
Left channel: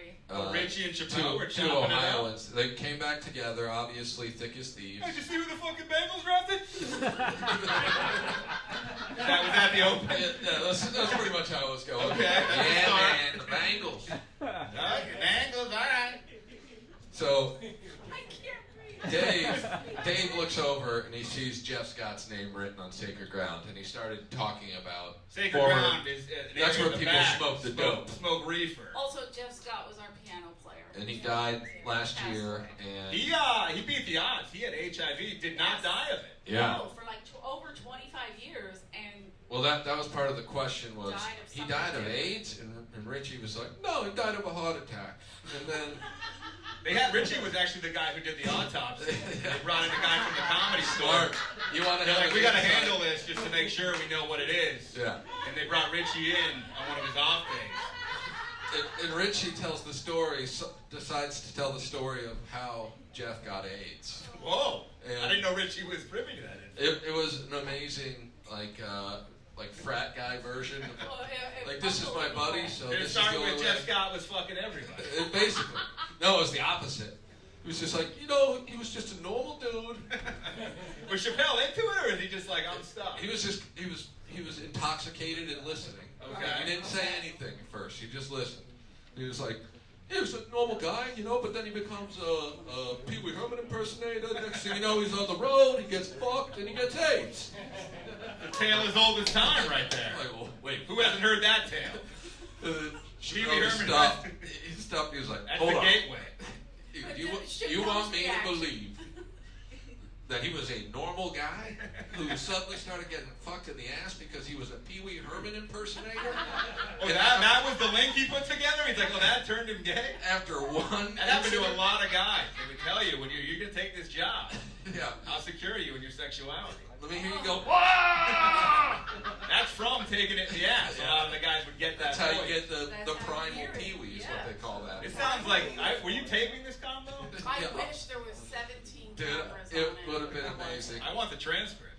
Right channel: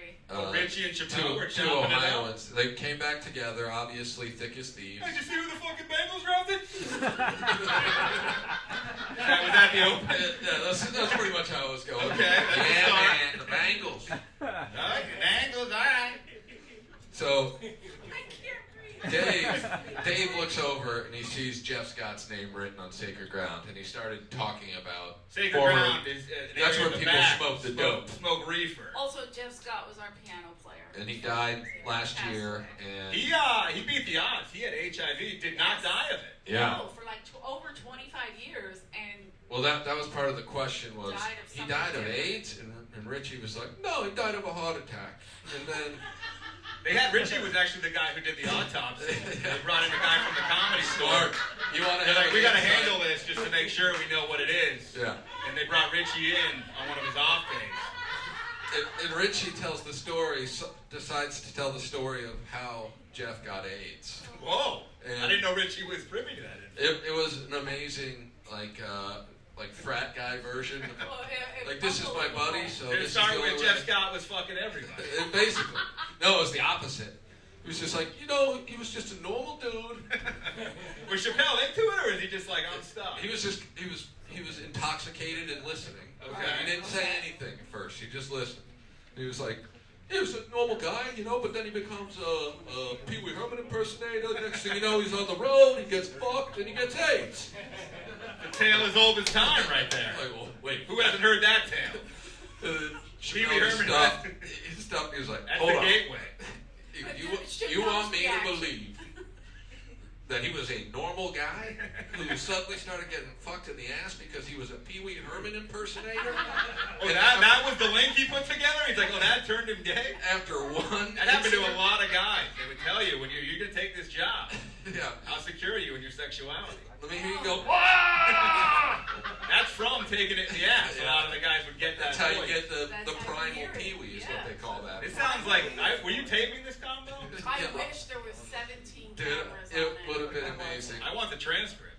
Richie and Chappelle were two chopping it up. Ohioans. They came back together, obviously thick as thieves. Did you see who the fucking Bengals drafted? That was at the open. Yeah, that's pretty much how it was going. Okay, that's the Yeah, start. man, the Bengals. Bengals, all right. So I can't breathe. Dave looks over and he sees Jeff Scott's name written on Sacred Ground, and he started talking about Sacred former- Ground is an That's area where in the people back. smoke the dope. Smoke reefer. Also, Jeff Scott was our piano player. And he died last year, and He beat the odds. He had HIV. He did not die of it. yeah. No, for like over 25 years, and Well, that was part of the question was, Died of he something died of different. AIDS? And Richie was like, no, he died of a heart attack. And then, Richie was actually the guy who did the autopsy. They brought in a guy from the comedy store. Smart. You want to They're have like, an we got to insight. handle this just to make sure we know what it is. Yeah. And they brought Richie in on one of his off days. And Richie tells the story, decides to tell the story of how Jeff got AIDS. Whoa! And I didn't know Richie was privy to that. It was an amazing, like frat guy version. well, it Like, this is my buddy, so It this is started the only with way. Jeff Scott was fucking everybody. Basically. No, it was the opposite. He was just like, he was just a normal dude. Was Chappelle into it, or is he just like, I'm stuck? He was intoxicated and listening. Okay. He didn't say anything at first. He just listened. He was like, he was a normal guy, but then he becomes a Pee Wee Herman impersonator. Next thing you know, he's on the road, he gets fucked, and he gets AIDS. The tale as old as time right there. I'm like, well, wait. Who hasn't heard that tale? Pee Wee Herman. stopped. He stopped. He was like, That's hold the on. gateway. You want me to believe that he was a normal guy who suddenly started getting fucked in the ass because he was a Pee Wee Herman impersonator? Oh, that was the link he put together? He's like, well, that turned him gay? After one That happened to a incident? lot of guys. They would tell you, when you're going to take this job, Yeah. I'll secure you in your sexuality. Let me hear you go. That's from taking it in the ass. A lot of the guys would get that That's how you voice. get the That's how you primal hear it. Pee Wee is what Yeah. they call that. It sounds like, were you taping this combo? I Yeah. wish there was 17 Dude, cameras on it it. would have been There wasn't. amazing. I want the transcript.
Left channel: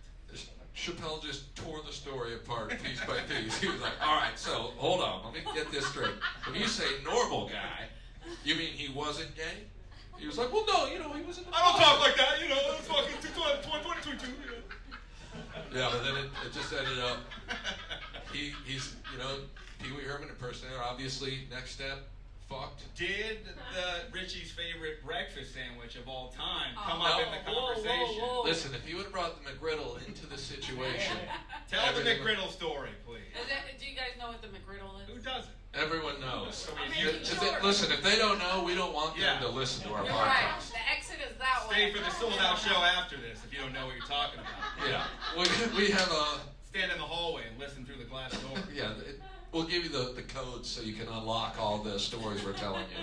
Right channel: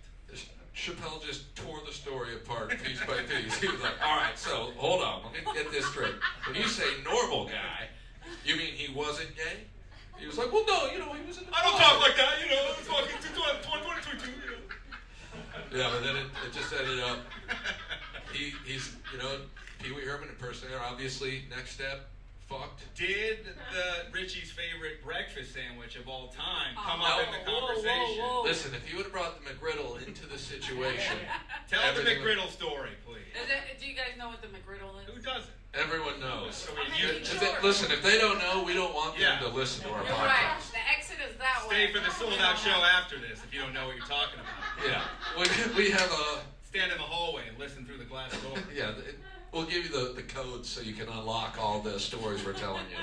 Chappelle just tore the story apart piece by piece. He was like, all right, so hold on, let me get this straight. When you say normal guy, you mean he wasn't gay? He was like, well, no, he was in the I don't talk like that, it's fucking 2022, Yeah, but then it just ended up, he's, Pee Wee Herman impersonator, obviously, next step, fucked. Did the Richie's favorite breakfast sandwich of all time come Oh, up in the whoa, conversation? whoa, whoa. Listen, if you would have brought the McGriddle into the situation, Tell the everything- McGriddle story, please. Do you guys know what the McGriddle is? Who doesn't? everyone knows. I mean, Okay, sure. Listen, if they don't know, we don't want them Yeah. to listen to our You're right. podcast. The exit is that Stay way. for the sold-out show after this if you don't know what you're talking about. Yeah, we have a. Stand in the hallway and listen through the glass door. Yeah, we'll give you the codes so you can unlock all the stories we're telling you.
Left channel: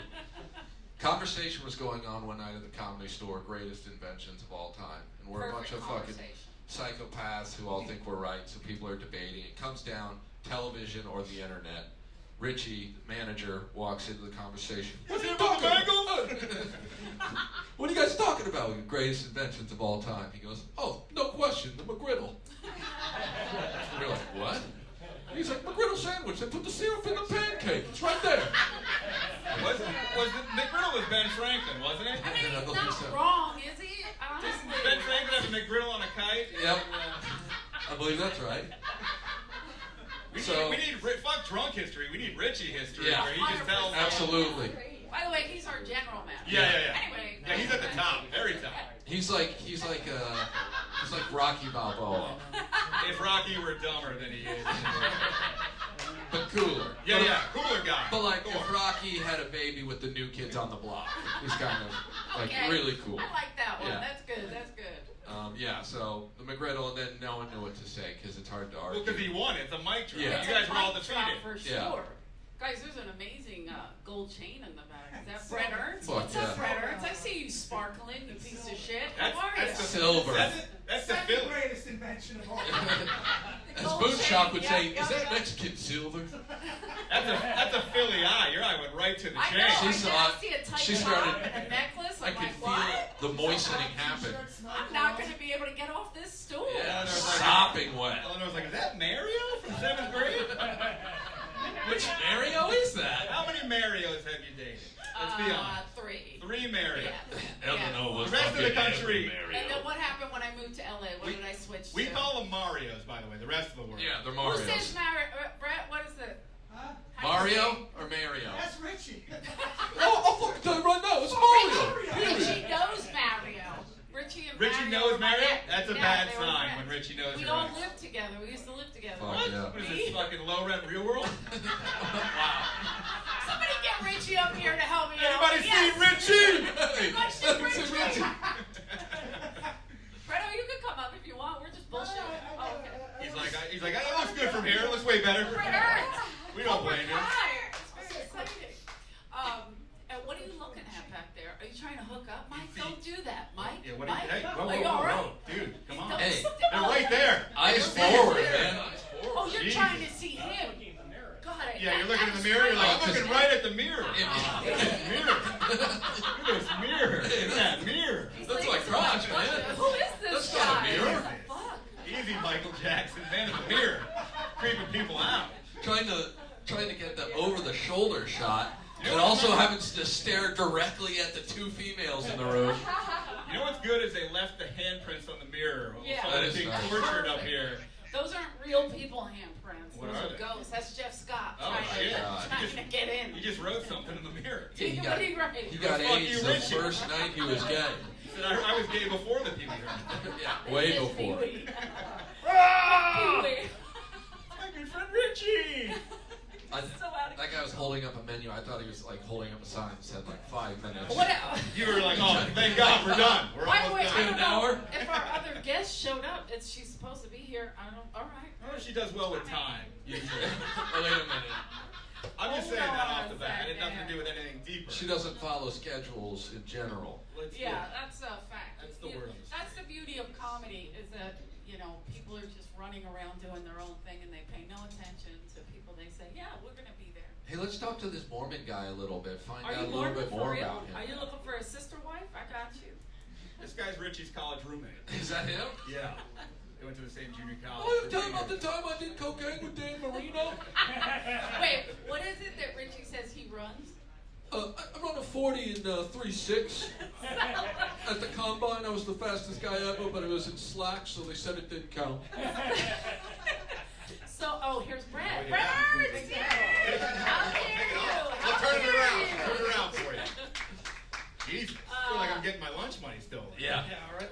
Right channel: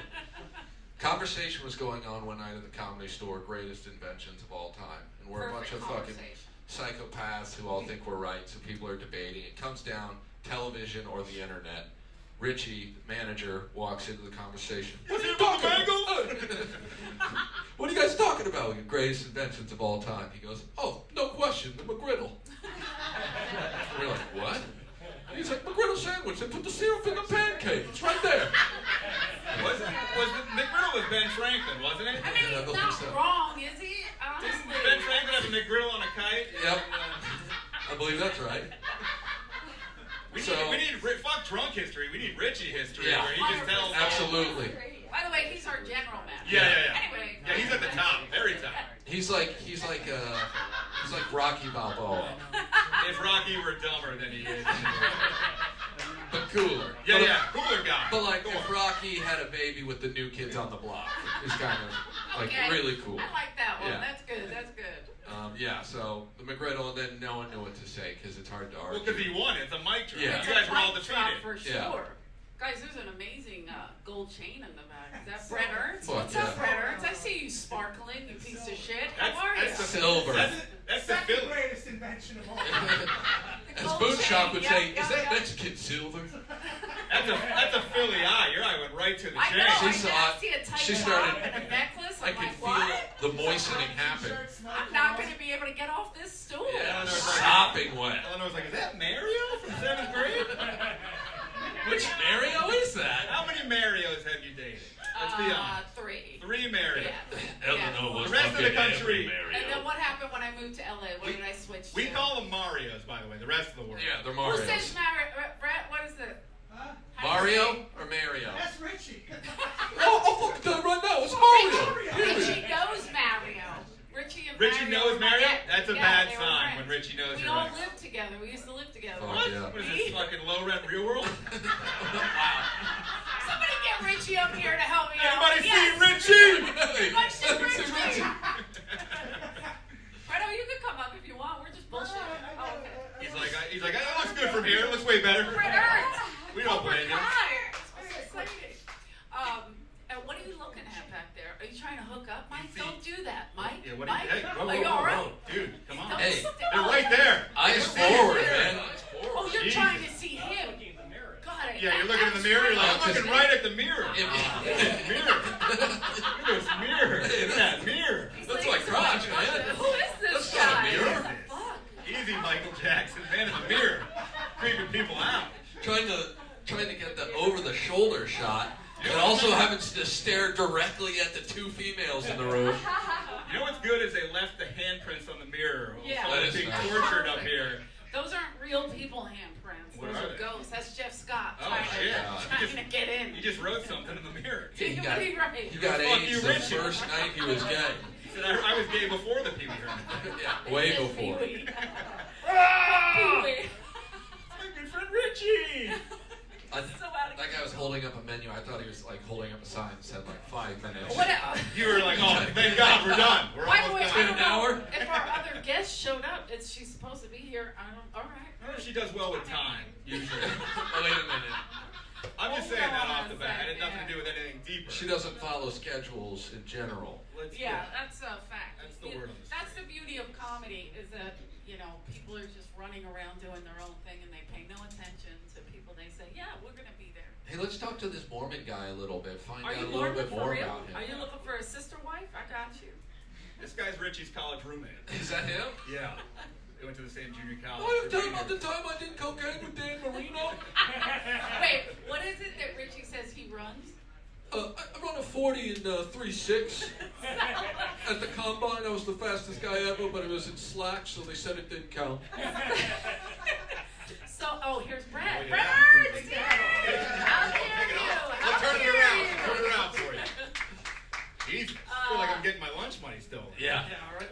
Conversation was going on one night at the Comedy Store, greatest inventions of all time. And we're a bunch Perfect of fucking conversation. psychopaths who all think we're right, so people are debating. It comes down television or the internet. Richie, the manager, walks into the conversation. What are you talking about? What are you guys talking about? The greatest inventions of all time. He goes, oh, no question. Russian, the McGriddle. We're like, what? And he's like, McGriddle sandwich. They put the syrup in the pancake. It's right there. McGriddle was Ben Franklin, wasn't it? I mean, I he's don't not think so. wrong, is he? Honestly. Ben Franklin has a McGriddle on a kite. Yep. I believe that's right. We need fuck drunk history. We need Richie history Yeah. where he just tells. Absolutely. By the way, he's our general manager. Yeah. Anyway. Yeah, he's at the top, very top. He's like Rocky Balboa, If Rocky were dumber than he is. but cooler. Yeah, cooler guy. But like, Go if on. Rocky had a baby with the New Kids on the Block, it's kind of like Okay. really cool. I like that one. Yeah. That's good. That's good. Yeah, so the McGriddle, and then no one knew what to say because it's hard to argue. Well, because he won. It's a mic drop. Yeah. It's You guys a were all mic drop defeated. for sure. Yeah. Guys, there's an amazing gold chain in the back. Is that Bret Ernst? Fuck What's yeah. up, Bret Ernst? I see you sparkling, you piece of shit. How are That's you? the Silver. That's the Philly. greatest invention of all. As Gold Boonshock chain, would yep, say, yep, is that yep. Mexican silver? That's a Philly eye. Your eye went right to the I chain. know. She I saw did see a tight she top started- and a necklace. I I'm could like, feel what? the moistening happen. I'm not going to be able to get off this stool. Yeah, Eleanor's like- sopping wet. Eleanor's like, is that Mario from 7th grade? Which Mario is that? How many Marios have you dated? Let's be honest. 3. 3 Marios. Yeah. Eleanor was The rest of the fucking country- every And then Mario. what happened when I moved to LA? What did I switch We to? call them Marios, by the way, the rest of the world. Yeah, they're Who Marios. says Brett? What is it? Huh? How do you say Mario or Mario? That's Richie. Oh, I'll fucking tell you right now, it's Mario. it? Hear Richie me. knows Mario. Richie and Richie Mario knows were my Mario? ex. That's a Yeah, bad they were sign friends. when Richie knows We your all ex. lived together. We used to live together. Fuck What? yeah. What is this, fucking low rent real world? Wow. Somebody get Richie up here to help me out. Anybody Yes. see Richie? Everybody see Hey, Richie? Fredo, you can come up if you want. We're just bullshitting. Oh, okay. He's like, it looks good from here. It looks way better. Bret Ernst. We don't blame you. Hi. It's very exciting. And what are you looking at back there? Are you trying to hook up, Mike? Don't do that, Mike. Yeah, what Mike? hey, whoa, Are you whoa, all whoa, right? whoa. Dude, come on. Don't Hey, sit They're down. right there. Eyes They're forward, there. man. Eyes forward. Oh, you're Jesus. trying to see him. God, Yeah, you're looking in the mirror. You're like, I'm looking right at the mirror. If- Look at this mirror. Look at this mirror. Look at that mirror. That's my crotch, man. Who is this That's not a guy? mirror. What the fuck? Easy, Michael Jackson. Man in the mirror. Creeping people out. Trying to get the over-the-shoulder shot, and also having to stare directly at the 2 females in the room. You know what's good is they left the handprints on the mirror. Yeah. Someone's That is being nice. tortured up here. Those aren't real people handprints. What Those are are they? ghosts. That's Jeff Scott Oh, trying, shit. trying to get in. You just wrote something in the mirror. He got, Really right. he got Fuck AIDS you, the Richie. first night he was gay. He said, I was gay before the Pee Wee Herman. Yeah, way This is before. Pee-wee. Ah! Pee-wee. My good friend Richie. I, So out of that guy was holding up a menu. I thought he was like holding up a sign that said like 5 minutes. What You were like, oh, thank God, we're done. We're By the way, almost I done. don't An hour? know if our other guest showed up. She's supposed to be here. I don't. All right. I don't know if she does well with time, usually. Oh, wait a minute. I'm just Hold saying that on off a the bat. It had nothing to second. do with anything deeper. She doesn't follow schedules in general. Yeah, that's a fact. That's the word on the That's the street. beauty of comedy is that people are just running around doing their own thing and they pay no attention to people. They say, yeah, we're gonna be there. Hey, let's talk to this Mormon guy a little bit. Find Are out you a little Mormon bit for more real? about him. Are you looking for a sister wife? I got you. This guy's Richie's college roommate. Is that him? Yeah. They went to the same junior college. Oh, for tell him 3 about the years. time I did cocaine with Dan Marino. Wait, what is it that Richie says he runs? I run a 40 in 3.6. At the combine, I was the fastest guy ever, but it was in slacks, so they said it didn't count. So, here's Brett. Oh, yeah. Brett Ernst! Yay! How dare Take it you? off. How We'll turn it dare around. you? Turn it around for you. Jesus. I feel like I'm getting my lunch money still. Yeah. Yeah, all right.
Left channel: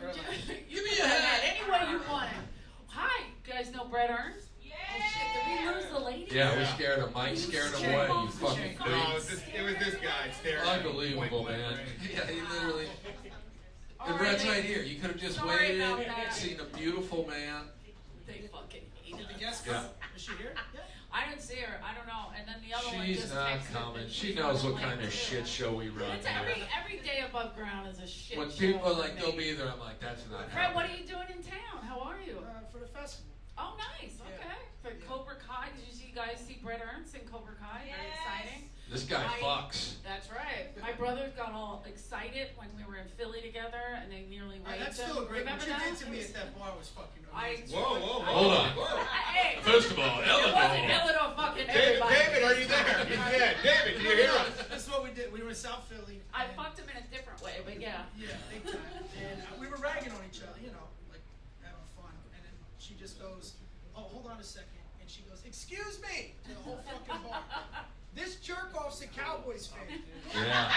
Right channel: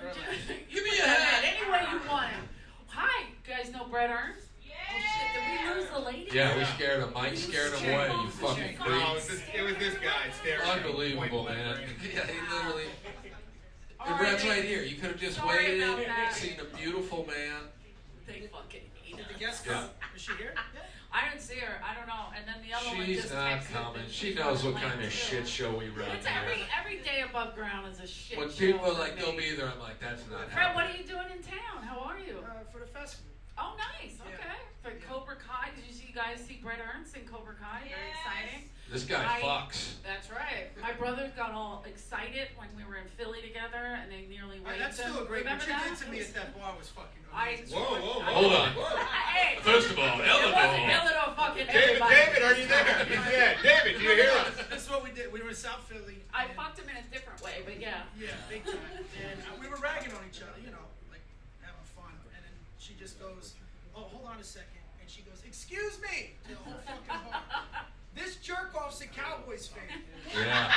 Give me You a can have hat. that any way you want it. Hi, you guys know Bret Ernst? Oh shit, did we lose the lady? Yeah, we scared him. Mike scared him away, you fucking No, it creep. was this guy staring at me, Unbelievable, point man. blank. Yeah, he literally. All And Brad's right. right here. You could have just Sorry waited, about that. seen a beautiful man. They fucking hate The it. guest Yeah. is she here? I didn't see her. I don't know. And then the other one She's just not texted coming. that She she's knows on what the kind of plane, shit too. show we run It's here. every day above ground is a shit When show. people are for like, me. they'll be there, I'm like, that's not Fred, what are happening. you doing in town? How are you? For the festival. Oh, nice. Okay. Yeah. For Cobra Kai, did you guys see Bret Ernst in Cobra Kai? Very exciting. This guy fucks. That's right. My brothers got all excited when we were in Philly together, and they nearly raped That's them. still a great. What Remember you that? did to me at that bar was fucking I- amazing. Whoa. Hold on. Hey, First of all, it wasn't Eleanor. Eleanor fucking David, everybody. David, are you there? He's dead. David, do you hear us? This is what we did. We were in South Philly. I and- fucked him in a different way, but yeah. Yeah, big time. And we were ragging on each other, you know, like having fun. And then she just goes, "Oh, hold on a second." And she goes, "Excuse me," to the whole fucking bar. This jerk off's a Cowboys fan. Yeah.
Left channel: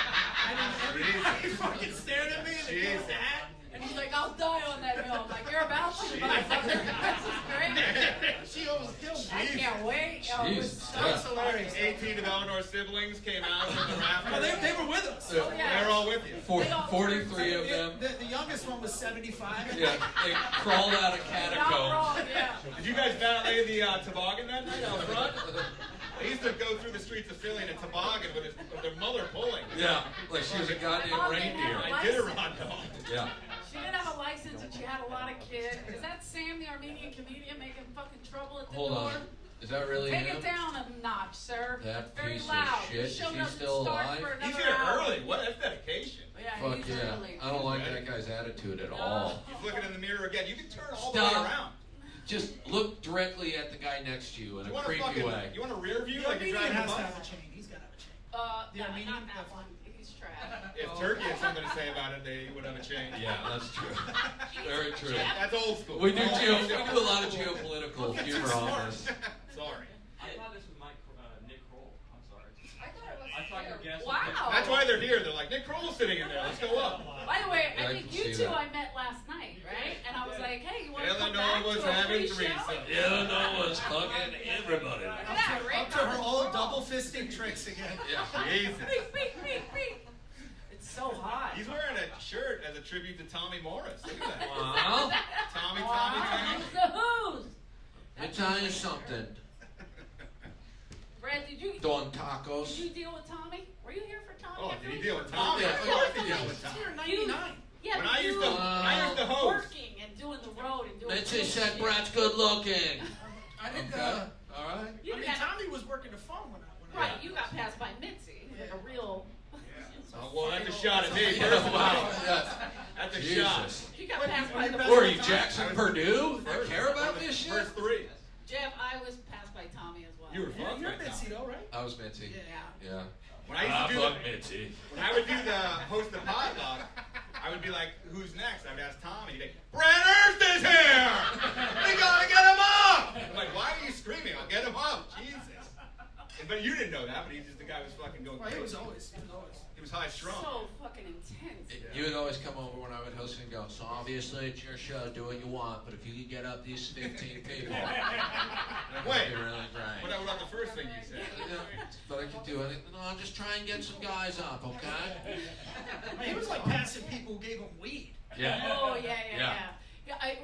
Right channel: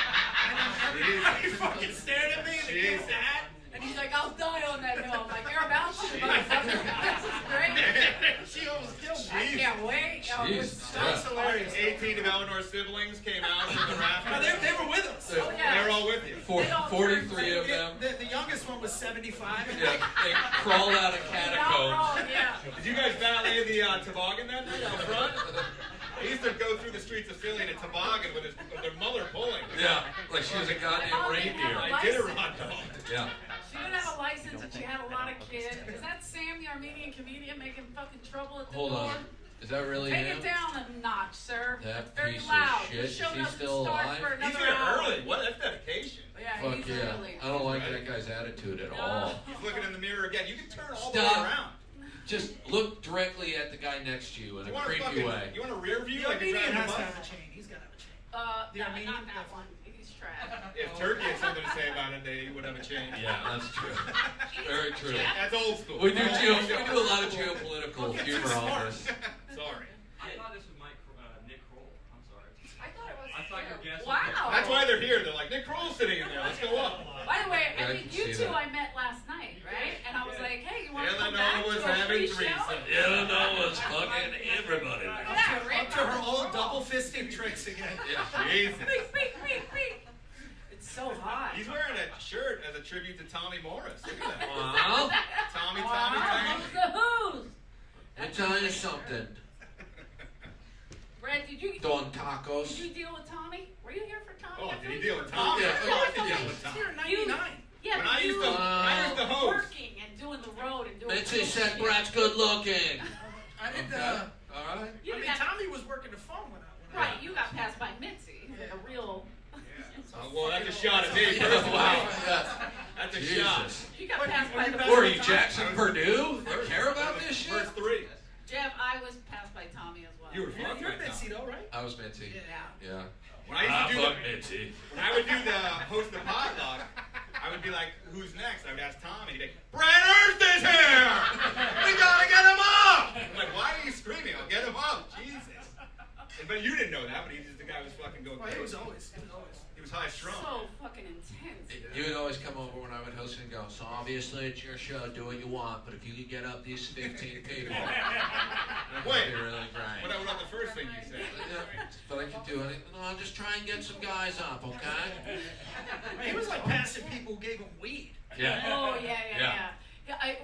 And then everybody fucking stared at me and they gave us a hat. And he's like, "I'll die on that hill." I'm like, "You're about to, motherfucker." This is great. She almost killed me. I can't wait. Oh, it was Jesus. so That's hilarious. 18 of Eleanor's siblings came out from the No, rafters. they were with us. Oh, yeah. They're all with you. 43 of them. The youngest one was 75. Yeah, they crawled out of Not catacombs. wrong, yeah. Did you guys valet the toboggan that night out front? I used to go through the streets of Philly in a toboggan with their mother pulling. Yeah, like she was a goddamn reindeer. I did a rod dog. Yeah. She didn't have a license and she had a lot of kids. Is that Sam, the Armenian comedian, making fucking trouble at the Hold door? on. Is that really Take him? it down a notch, sir. That It's very piece of loud. shit. The show She's doesn't still start alive? for He's another here hour. early. What? That's dedication. Yeah, Fuck he's yeah. early. I don't like that guy's attitude at all. He's looking in the mirror again. You can turn all the Stop. way around. Just look directly at the guy next to you in You a want a creepy fucking, way. you want a rear view The like you're Armenian driving a has to bus? have a chain. He's got to have a chain. The No, Armenian, not that that one. He's trash. If Turkey had something to say about it, they would have a change. Yeah, that's true. Very true. That's old school. We do a lot of geopolitical humor on this. Sorry. I thought this was Nick Kroll. I'm sorry. I thought it was. I thought your guess was Wow. That's why they're here. They're like, Nick Kroll's sitting in there. Let's go up. By the way, Yeah, I I think can you see two that. I met last night, right? And I was like, "Hey, you want to come Eleanor back was to a having free show?" threesomes. Eleanor was fucking everybody. Yeah, right. Up to her old double fisting tricks again. Jesus. Beep, beep, beep, beep. It's so hot. He's wearing a shirt as a tribute to Tommy Morris. Look at that. Wow. Tommy, Wow, Tommy. the Who's. Let me tell you something. Brad, did you Don Tacos. deal with Tommy? Were you here for Tommy? Oh, I did thought he you deal were- with Tommy? Yeah, Of course he dealt with He's Tommy. here in 99. Yeah, When but I used you to host. working and doing the road and doing. Mitzi real said shit. Brad's good looking. I didn't, Okay. All right. You I mean, got- Tommy was working the phone when I Right, you got passed by Mitzi, like a real. Well, that's a shot at me. Yeah, First of all. wow. Yeah. That's a shot. Jesus. She got passed by the. Who are you, Jackson Purdue? You care about this shit? First three. Jeff, I was passed by Tommy as well. You were You're fucked by Mitzi Tommy. though, right? I was Mitzi. Yeah. Yeah. When I used to do fuck the, Mitzi. when I would do the host the potluck, I would be like, "Who's next?" I would ask Tommy. He'd be like, "Bret Ernst is here! We gotta get him up!" I'm like, "Why are you screaming? I'll get him up." Jesus. But you didn't know that. But he's just the guy who was fucking going Well, crazy. he was always. He was high strung. So fucking intense. You would always come over when I would host and go, so obviously it's your show, do what you want, but if you could get up these 15 people, that'd Wait. be really great. What about the first thing you said? Yeah, but I could do anything. No, I'll just try and get some guys up, okay? He was like passing people who gave him weed. Yeah. Oh yeah. Yeah.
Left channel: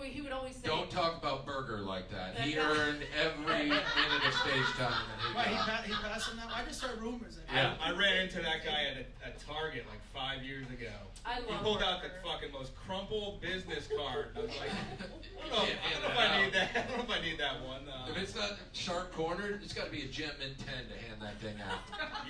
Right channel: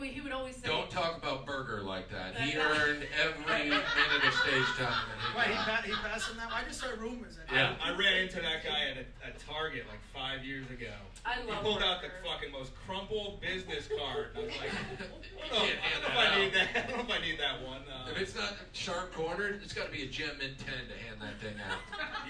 He would always say. Don't talk about Burger like that. He earned every minute of stage time that he Why, got. he passed him that? I just heard rumors that Yeah. I ran into that guy at Target like 5 years ago. I love He pulled out the Burger. fucking most crumpled business card. And I was like, I don't know Can't if hand I need that that. I don't know if I need that one. If it's not sharp cornered, it's got to be a gem in 10 to hand that thing out.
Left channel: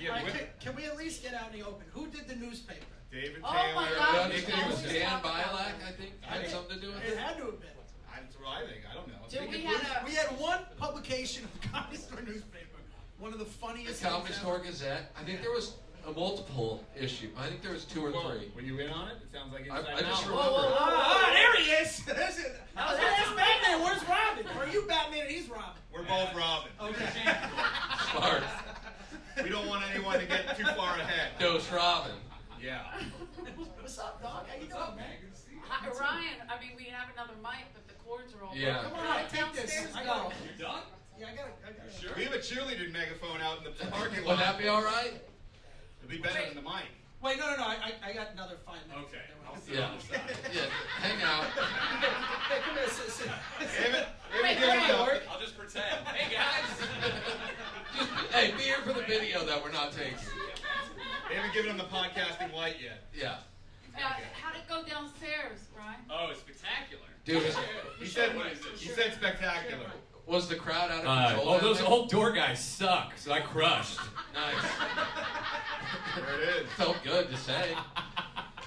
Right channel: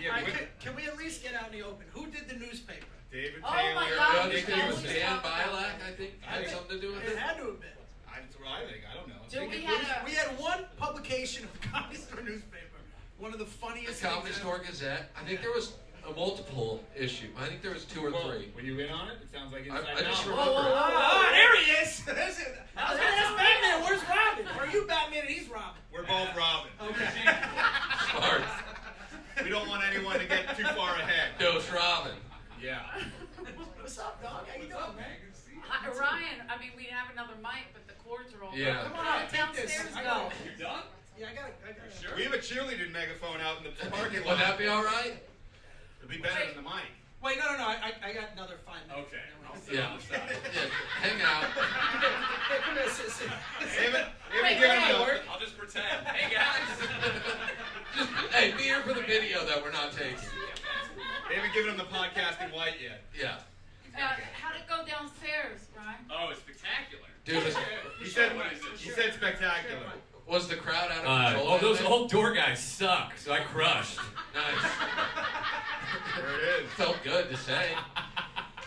Yeah, All right, with can we at least get out in the open? Who did the newspaper? David Oh Taylor. my God, Nick we It got- was Houston. we Dan talked about Bilac, that. I think, had something to do with It it. had to have been. That's what I think. I don't know. Dude, we had a. We had one publication of the Comedy Store newspaper. One of the The funniest Comedy things Store ever. Gazette. I think there was a multiple issue. I think there was 2 or Well, 3. were you in on it? It sounds like inside I just knowledge. remember. Ah, there he is. That's it. Oh, That's that's Batman. Where's Robin? Or are you Batman and he's Robin? We're both Robin. Okay. Smart. We don't want anyone to get too far ahead. Dose Robin. Yeah. What's up, dog? How you doing, man? Ryan, I mean, we have another mic, but the cords are all. Yeah. Come on, take this. Downstairs, I go. got it. Yeah, I got it. We have a cheerleading megaphone out in the parking lot. Would that be all right? It'll be better than the mic. Wait, no. I got another 5 minutes. Okay. Yeah. Yeah. Hang out. Hey, come here, sit. They haven't Wait, given wait, him wait. the, I'll just pretend. Hey guys. Just, hey, be here for the video that we're not taking. they haven't given him the podcasting light yet. Yeah. How'd it go downstairs, Ryan? Oh, it's spectacular. Dude, He said, What is this? he said spectacular. was the crowd out of control? Oh, that those night? old door guys suck. So I crushed. Nice. There it is. Felt good to say.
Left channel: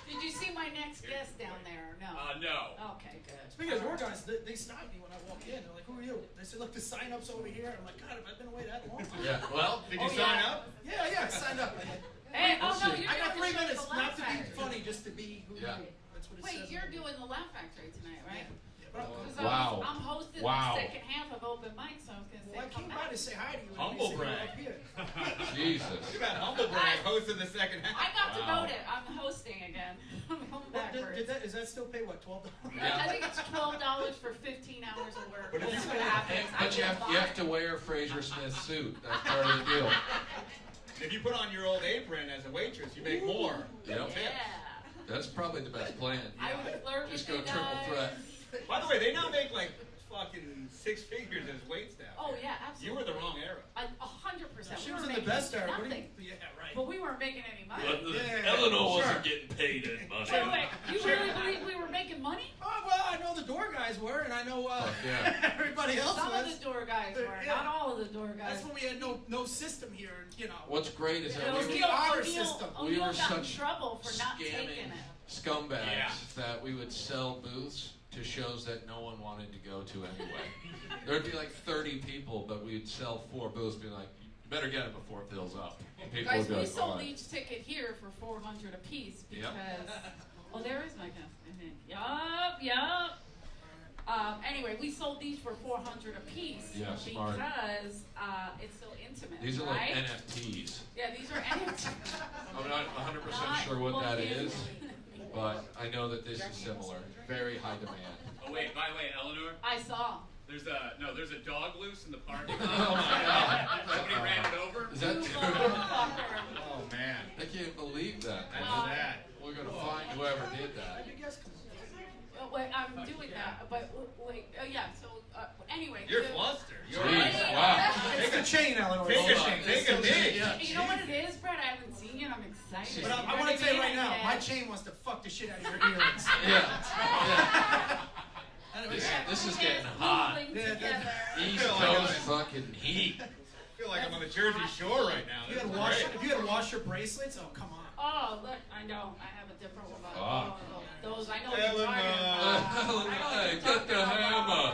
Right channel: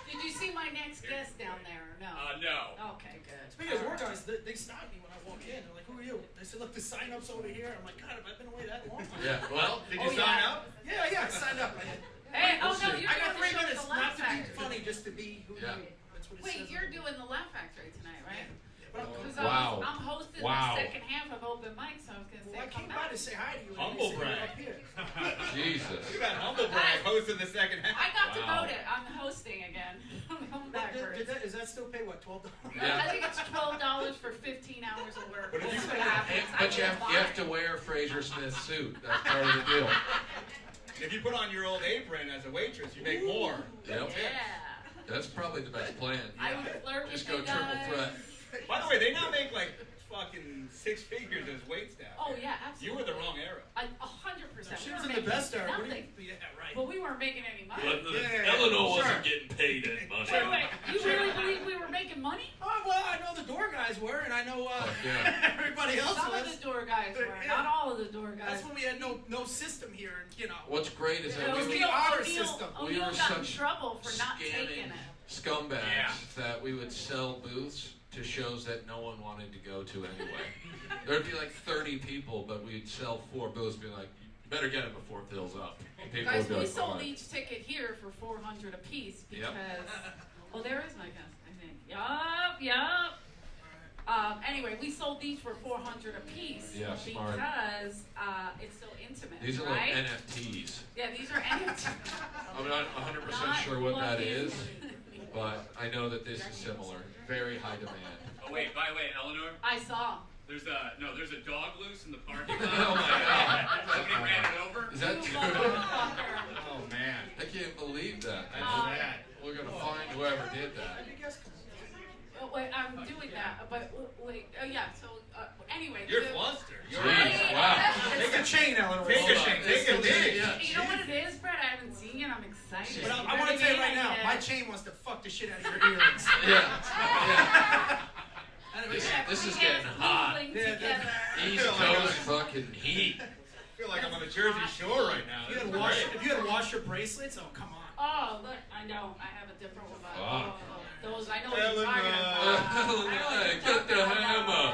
Did you see my next guest down there or no? No. Okay, good. Speaking of war guys, they stopped me when I walked in. They're like, "Who are you?" They said, "Look, the sign-up's over here." And I'm like, "God, have I been away that long?" Yeah. Well, Did you Oh, sign yeah. up? Yeah, I signed up. I did. Hey, oh no, see. you're I got doing 3 the show at minutes the Laugh not to be Factory. funny, just to be who Yeah. you are. That's what it Wait, says. you're doing the Laugh Factory tonight, right? But Because Wow. I'm hosting Wow. the second half of open mic, so I was gonna say, well, I come came by back. to say hi to you. and Humble you said you're brag. up here. Jesus. Look at that humble brag hosting the second half. I got to Wow. vote it. I'm hosting again. I'm coming What, backwards. is that still pay what, $12? Yeah. I think it's $12 for 15 hours of work. But if That's you- what happens. But you have to wear Fraser Smith's suit. That's part of the deal. If you put on your old apron as a waitress, you make more. Yep. Yeah. That's probably the best plan. I would flirt Just with go you triple guys. threat. By the way, they now make like fucking 6 figures as wait staff. Oh here. yeah, You absolutely. were the wrong era. 100%. She We was were in the making best era. What do nothing. you, yeah, right. But we weren't making any money. Yeah, Eleanor sure. wasn't getting paid any money. Wait, you really believe we were making money? Oh, well, I know the door guys were, and I know yeah. everybody else Some of was. the door guys were, Yeah. not all of the door guys. That's when we had no system here, and, you know. What's great is that It was we the were, honor system. we O'Neill were got in such trouble for not taking scamming it. scumbags Yeah. that we would sell booths to shows that no one wanted to go to anyway. There'd be like 30 people, but we'd sell 4 booths, be like, you better get it before it fills up. And people Guys, would be we like, sold "Fine." each ticket here for $400 apiece Yep. because. Oh, there is my guest, I think. Yup. Anyway, we sold these for $400 apiece Yeah, smart. because it's so intimate, These are right? like NFTs. Yeah, these are NFTs. I'm not 100% Not sure what that plug-in. is, but I know that this is similar. Very high demand. Oh wait, by the way, Eleanor, I saw. there's a dog loose in the parking lot. Oh my God. Somebody ran it over. Is that You true? motherfucker. Oh man. I can't believe that. That's bad. We're gonna find whoever did that. You guys come Oh, wait, I'm doing that, but wait, yeah, so, anyway. You're the- fluster. You're Jeez, wow. Take a chain, Eleanor. Take a Hold chain. on. Take a knee. Yeah. You know what it is, Brett? I haven't seen it. I'm excited. But You I know want to what tell you mean? right now, Yeah. my chain wants to fuck the shit out of your earrings. Yeah. Anyway, This is We getting get hot. moving Yeah, together. East feel like Coast I'm- fucking heat. I feel like I'm on the Jersey Shore right now. if This you is had washed, great. if you had washed your bracelets, oh come on. Oh, look, I know. I have a different one. But, Ah. those, I know what you're talking Eleanor. about. I know what Hey, you're get the talking hammer. about.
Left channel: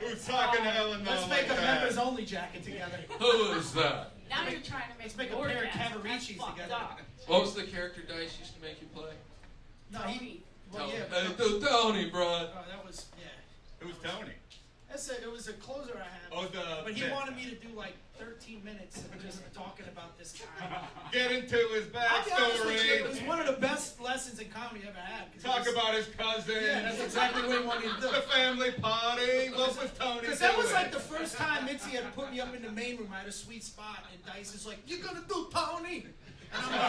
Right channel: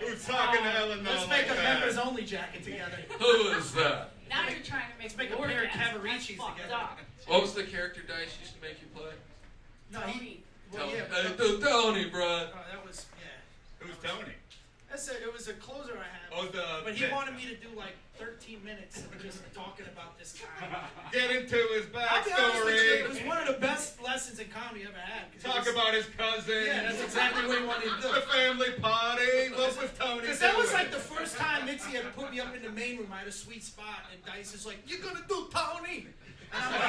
Who's talking to Eleanor Let's like make a that? members only jacket together. Who is that? Now you're trying to make Let's make a your pair of guess. That's Cavaricis fucked together. up. What was the character Dice used to make you play? No, Tony. well, yeah, Hey, but, Tony, bro. that was, yeah. Who's Tony? That's it. It was a closer I had. Oh, the But he bit. wanted me to do like 13 minutes of just talking about this guy. Get into his I'll be honest with you, it was backstory. one of the best lessons in comedy I ever had. 'cause it Talk was- about his cousin. Yeah, that's exactly what he wanted to do. The family party. What was Tony Because that was doing? like the first time Mitzi had put me up in the main room. I had a sweet spot, and Dice is like, "You're gonna do Tony," and I'm like,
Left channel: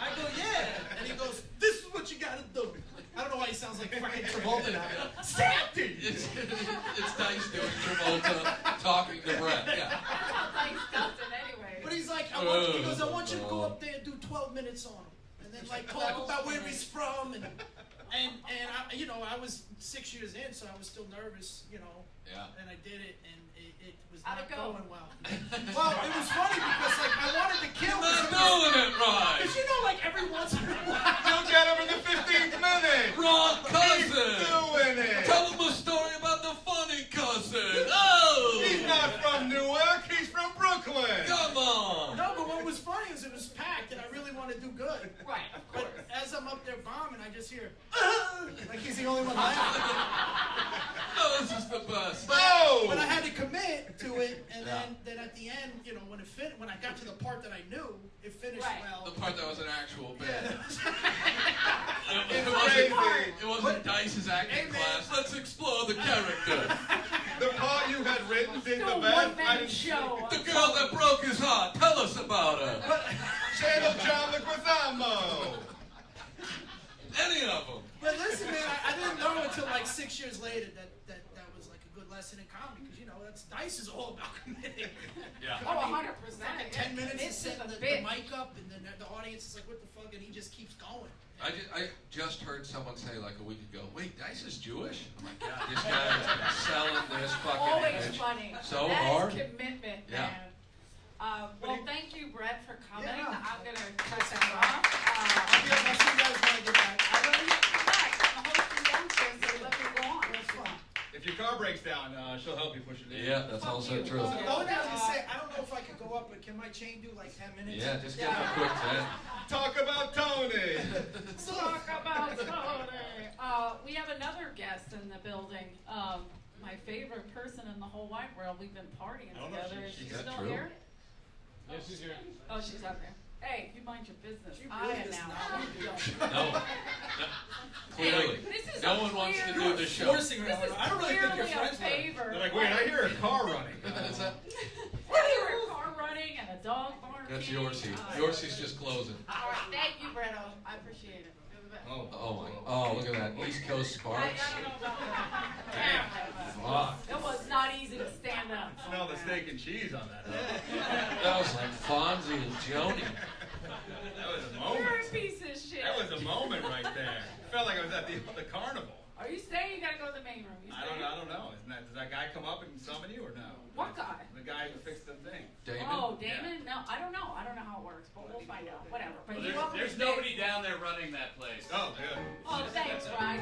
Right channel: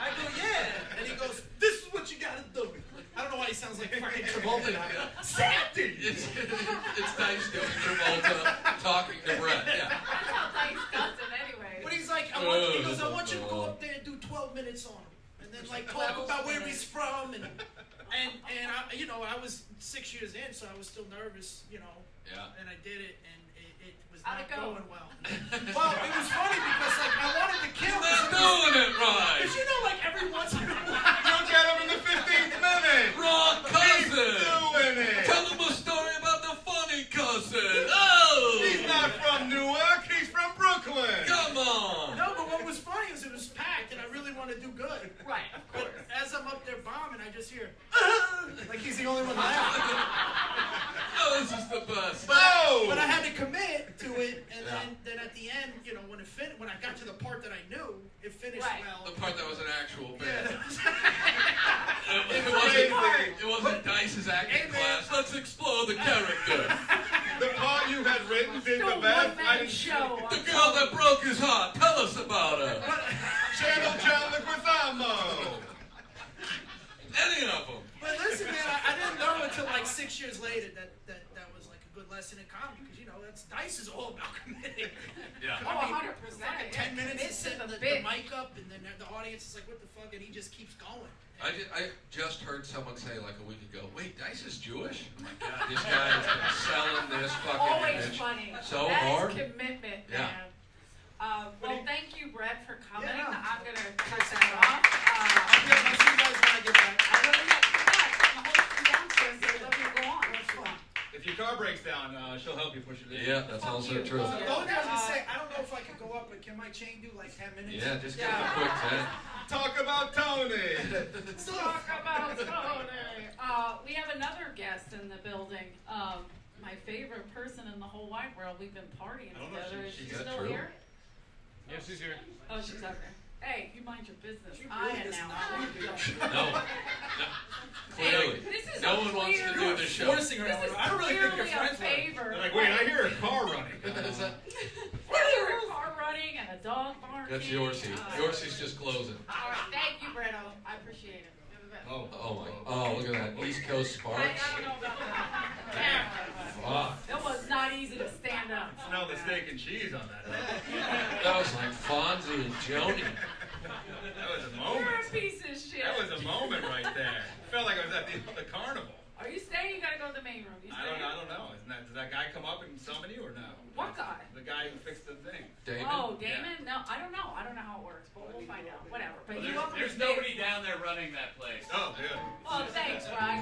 "I go, yeah," and he goes, "This is what you gotta do." I don't know why he sounds like fucking Travolta now. Sandy. It's Dice doing Travolta talking to Brett. Yeah. That's how Dice does it anyway. But he's like, he goes, "I want you to go up there and do 12 minutes on him, and then like talk about where he's from, and I, you know, I was 6 years in, so I was still nervous, you know, Yeah. and I did it, and it was How'd not it go? going well. Well, it was funny because like I wanted to kill Not doing it right. because you know, like every once in a while. You'll get him in the 15th minute. Wrong He's cousin. doing it. Tell him a story about the funny cousin. Oh. He's not from Newark. He's from Brooklyn. Come on. No, but what was funny was it was packed, and I really wanted to do good. Right, of course. But as I'm up there bombing, I just hear, like he's the only one laughing. Oh, this is the best. No. But I had to commit to it, and Yeah. then at the end, you know, when I got to the part that I knew, it finished Right. well. The part that was an actual bit. Yeah. It wasn't Dice's acting class. Let's explore the character. The part you had written did No the best. I one-man didn't show. The girl that broke his heart. Tell us about her. Channel John Leguizamo. Any of them. But listen, man, I didn't know until like 6 years later that was like a good lesson in comedy, because you know Dice is all about committing. Yeah. Oh, 100%. Fucking Yeah. 10 minutes to This is set a the bit. mic up, and then the audience is like, "What the fuck?" And he just keeps going. I just heard someone say like a week ago, wait, Dice is Jewish? Oh my God, this guy has been selling this fucking Always image funny. so That is hard. commitment, Yeah. man. Well, thank you, Brett, for coming. Yeah, no. I'm going to cut that off. I'll see you guys when I get back. I love you back. I'm hosting downstairs, so let me go on. That's fun. If your car breaks down, she'll help you push it in. Yeah, that's also true. The only thing I was gonna say, I don't know if I could go up, but can my chain do like 10 minutes? Yeah, just give him a quick 10. Talk about Tony. Talk about Tony. We have another guest in the building. My favorite person in the whole wide world. We've been partying I don't know if together. Is she- she is that still true? here? Yeah, she's here. Oh, she's out there. Hey, you mind your business. She I really does am not now. want to do that. No. Clearly. This is No a one wants to clear- do the show. Forcing her. This is I don't really think you're clearly a friends with her. favor. They're like, wait, I hear a car running. Is that- I hear a car running and a dog barking. That's Yorsie. Yorsie's just closing. All right, thank you, Brett. I appreciate it. You're the best. Oh my. Oh, look at that. East Coast I Sparks. don't know about that. Fuck. It was not easy to stand up. Smell the steak and cheese on that. That was like Fonzie and Joni. That was a You're moment. a piece of shit. That was a moment right there. Felt like I was at the carnival. Are you staying? You gotta go to the main room. You I staying? don't know. Does that guy come up and summon you or no? What guy? The guy who fixed the thing. Damon? Oh, Damon? No, I don't know. I don't know how it works, but we'll find out. Whatever. But you There's, welcome to there's stay. nobody down there running that place. Oh, good. Oh, thanks, Ryan.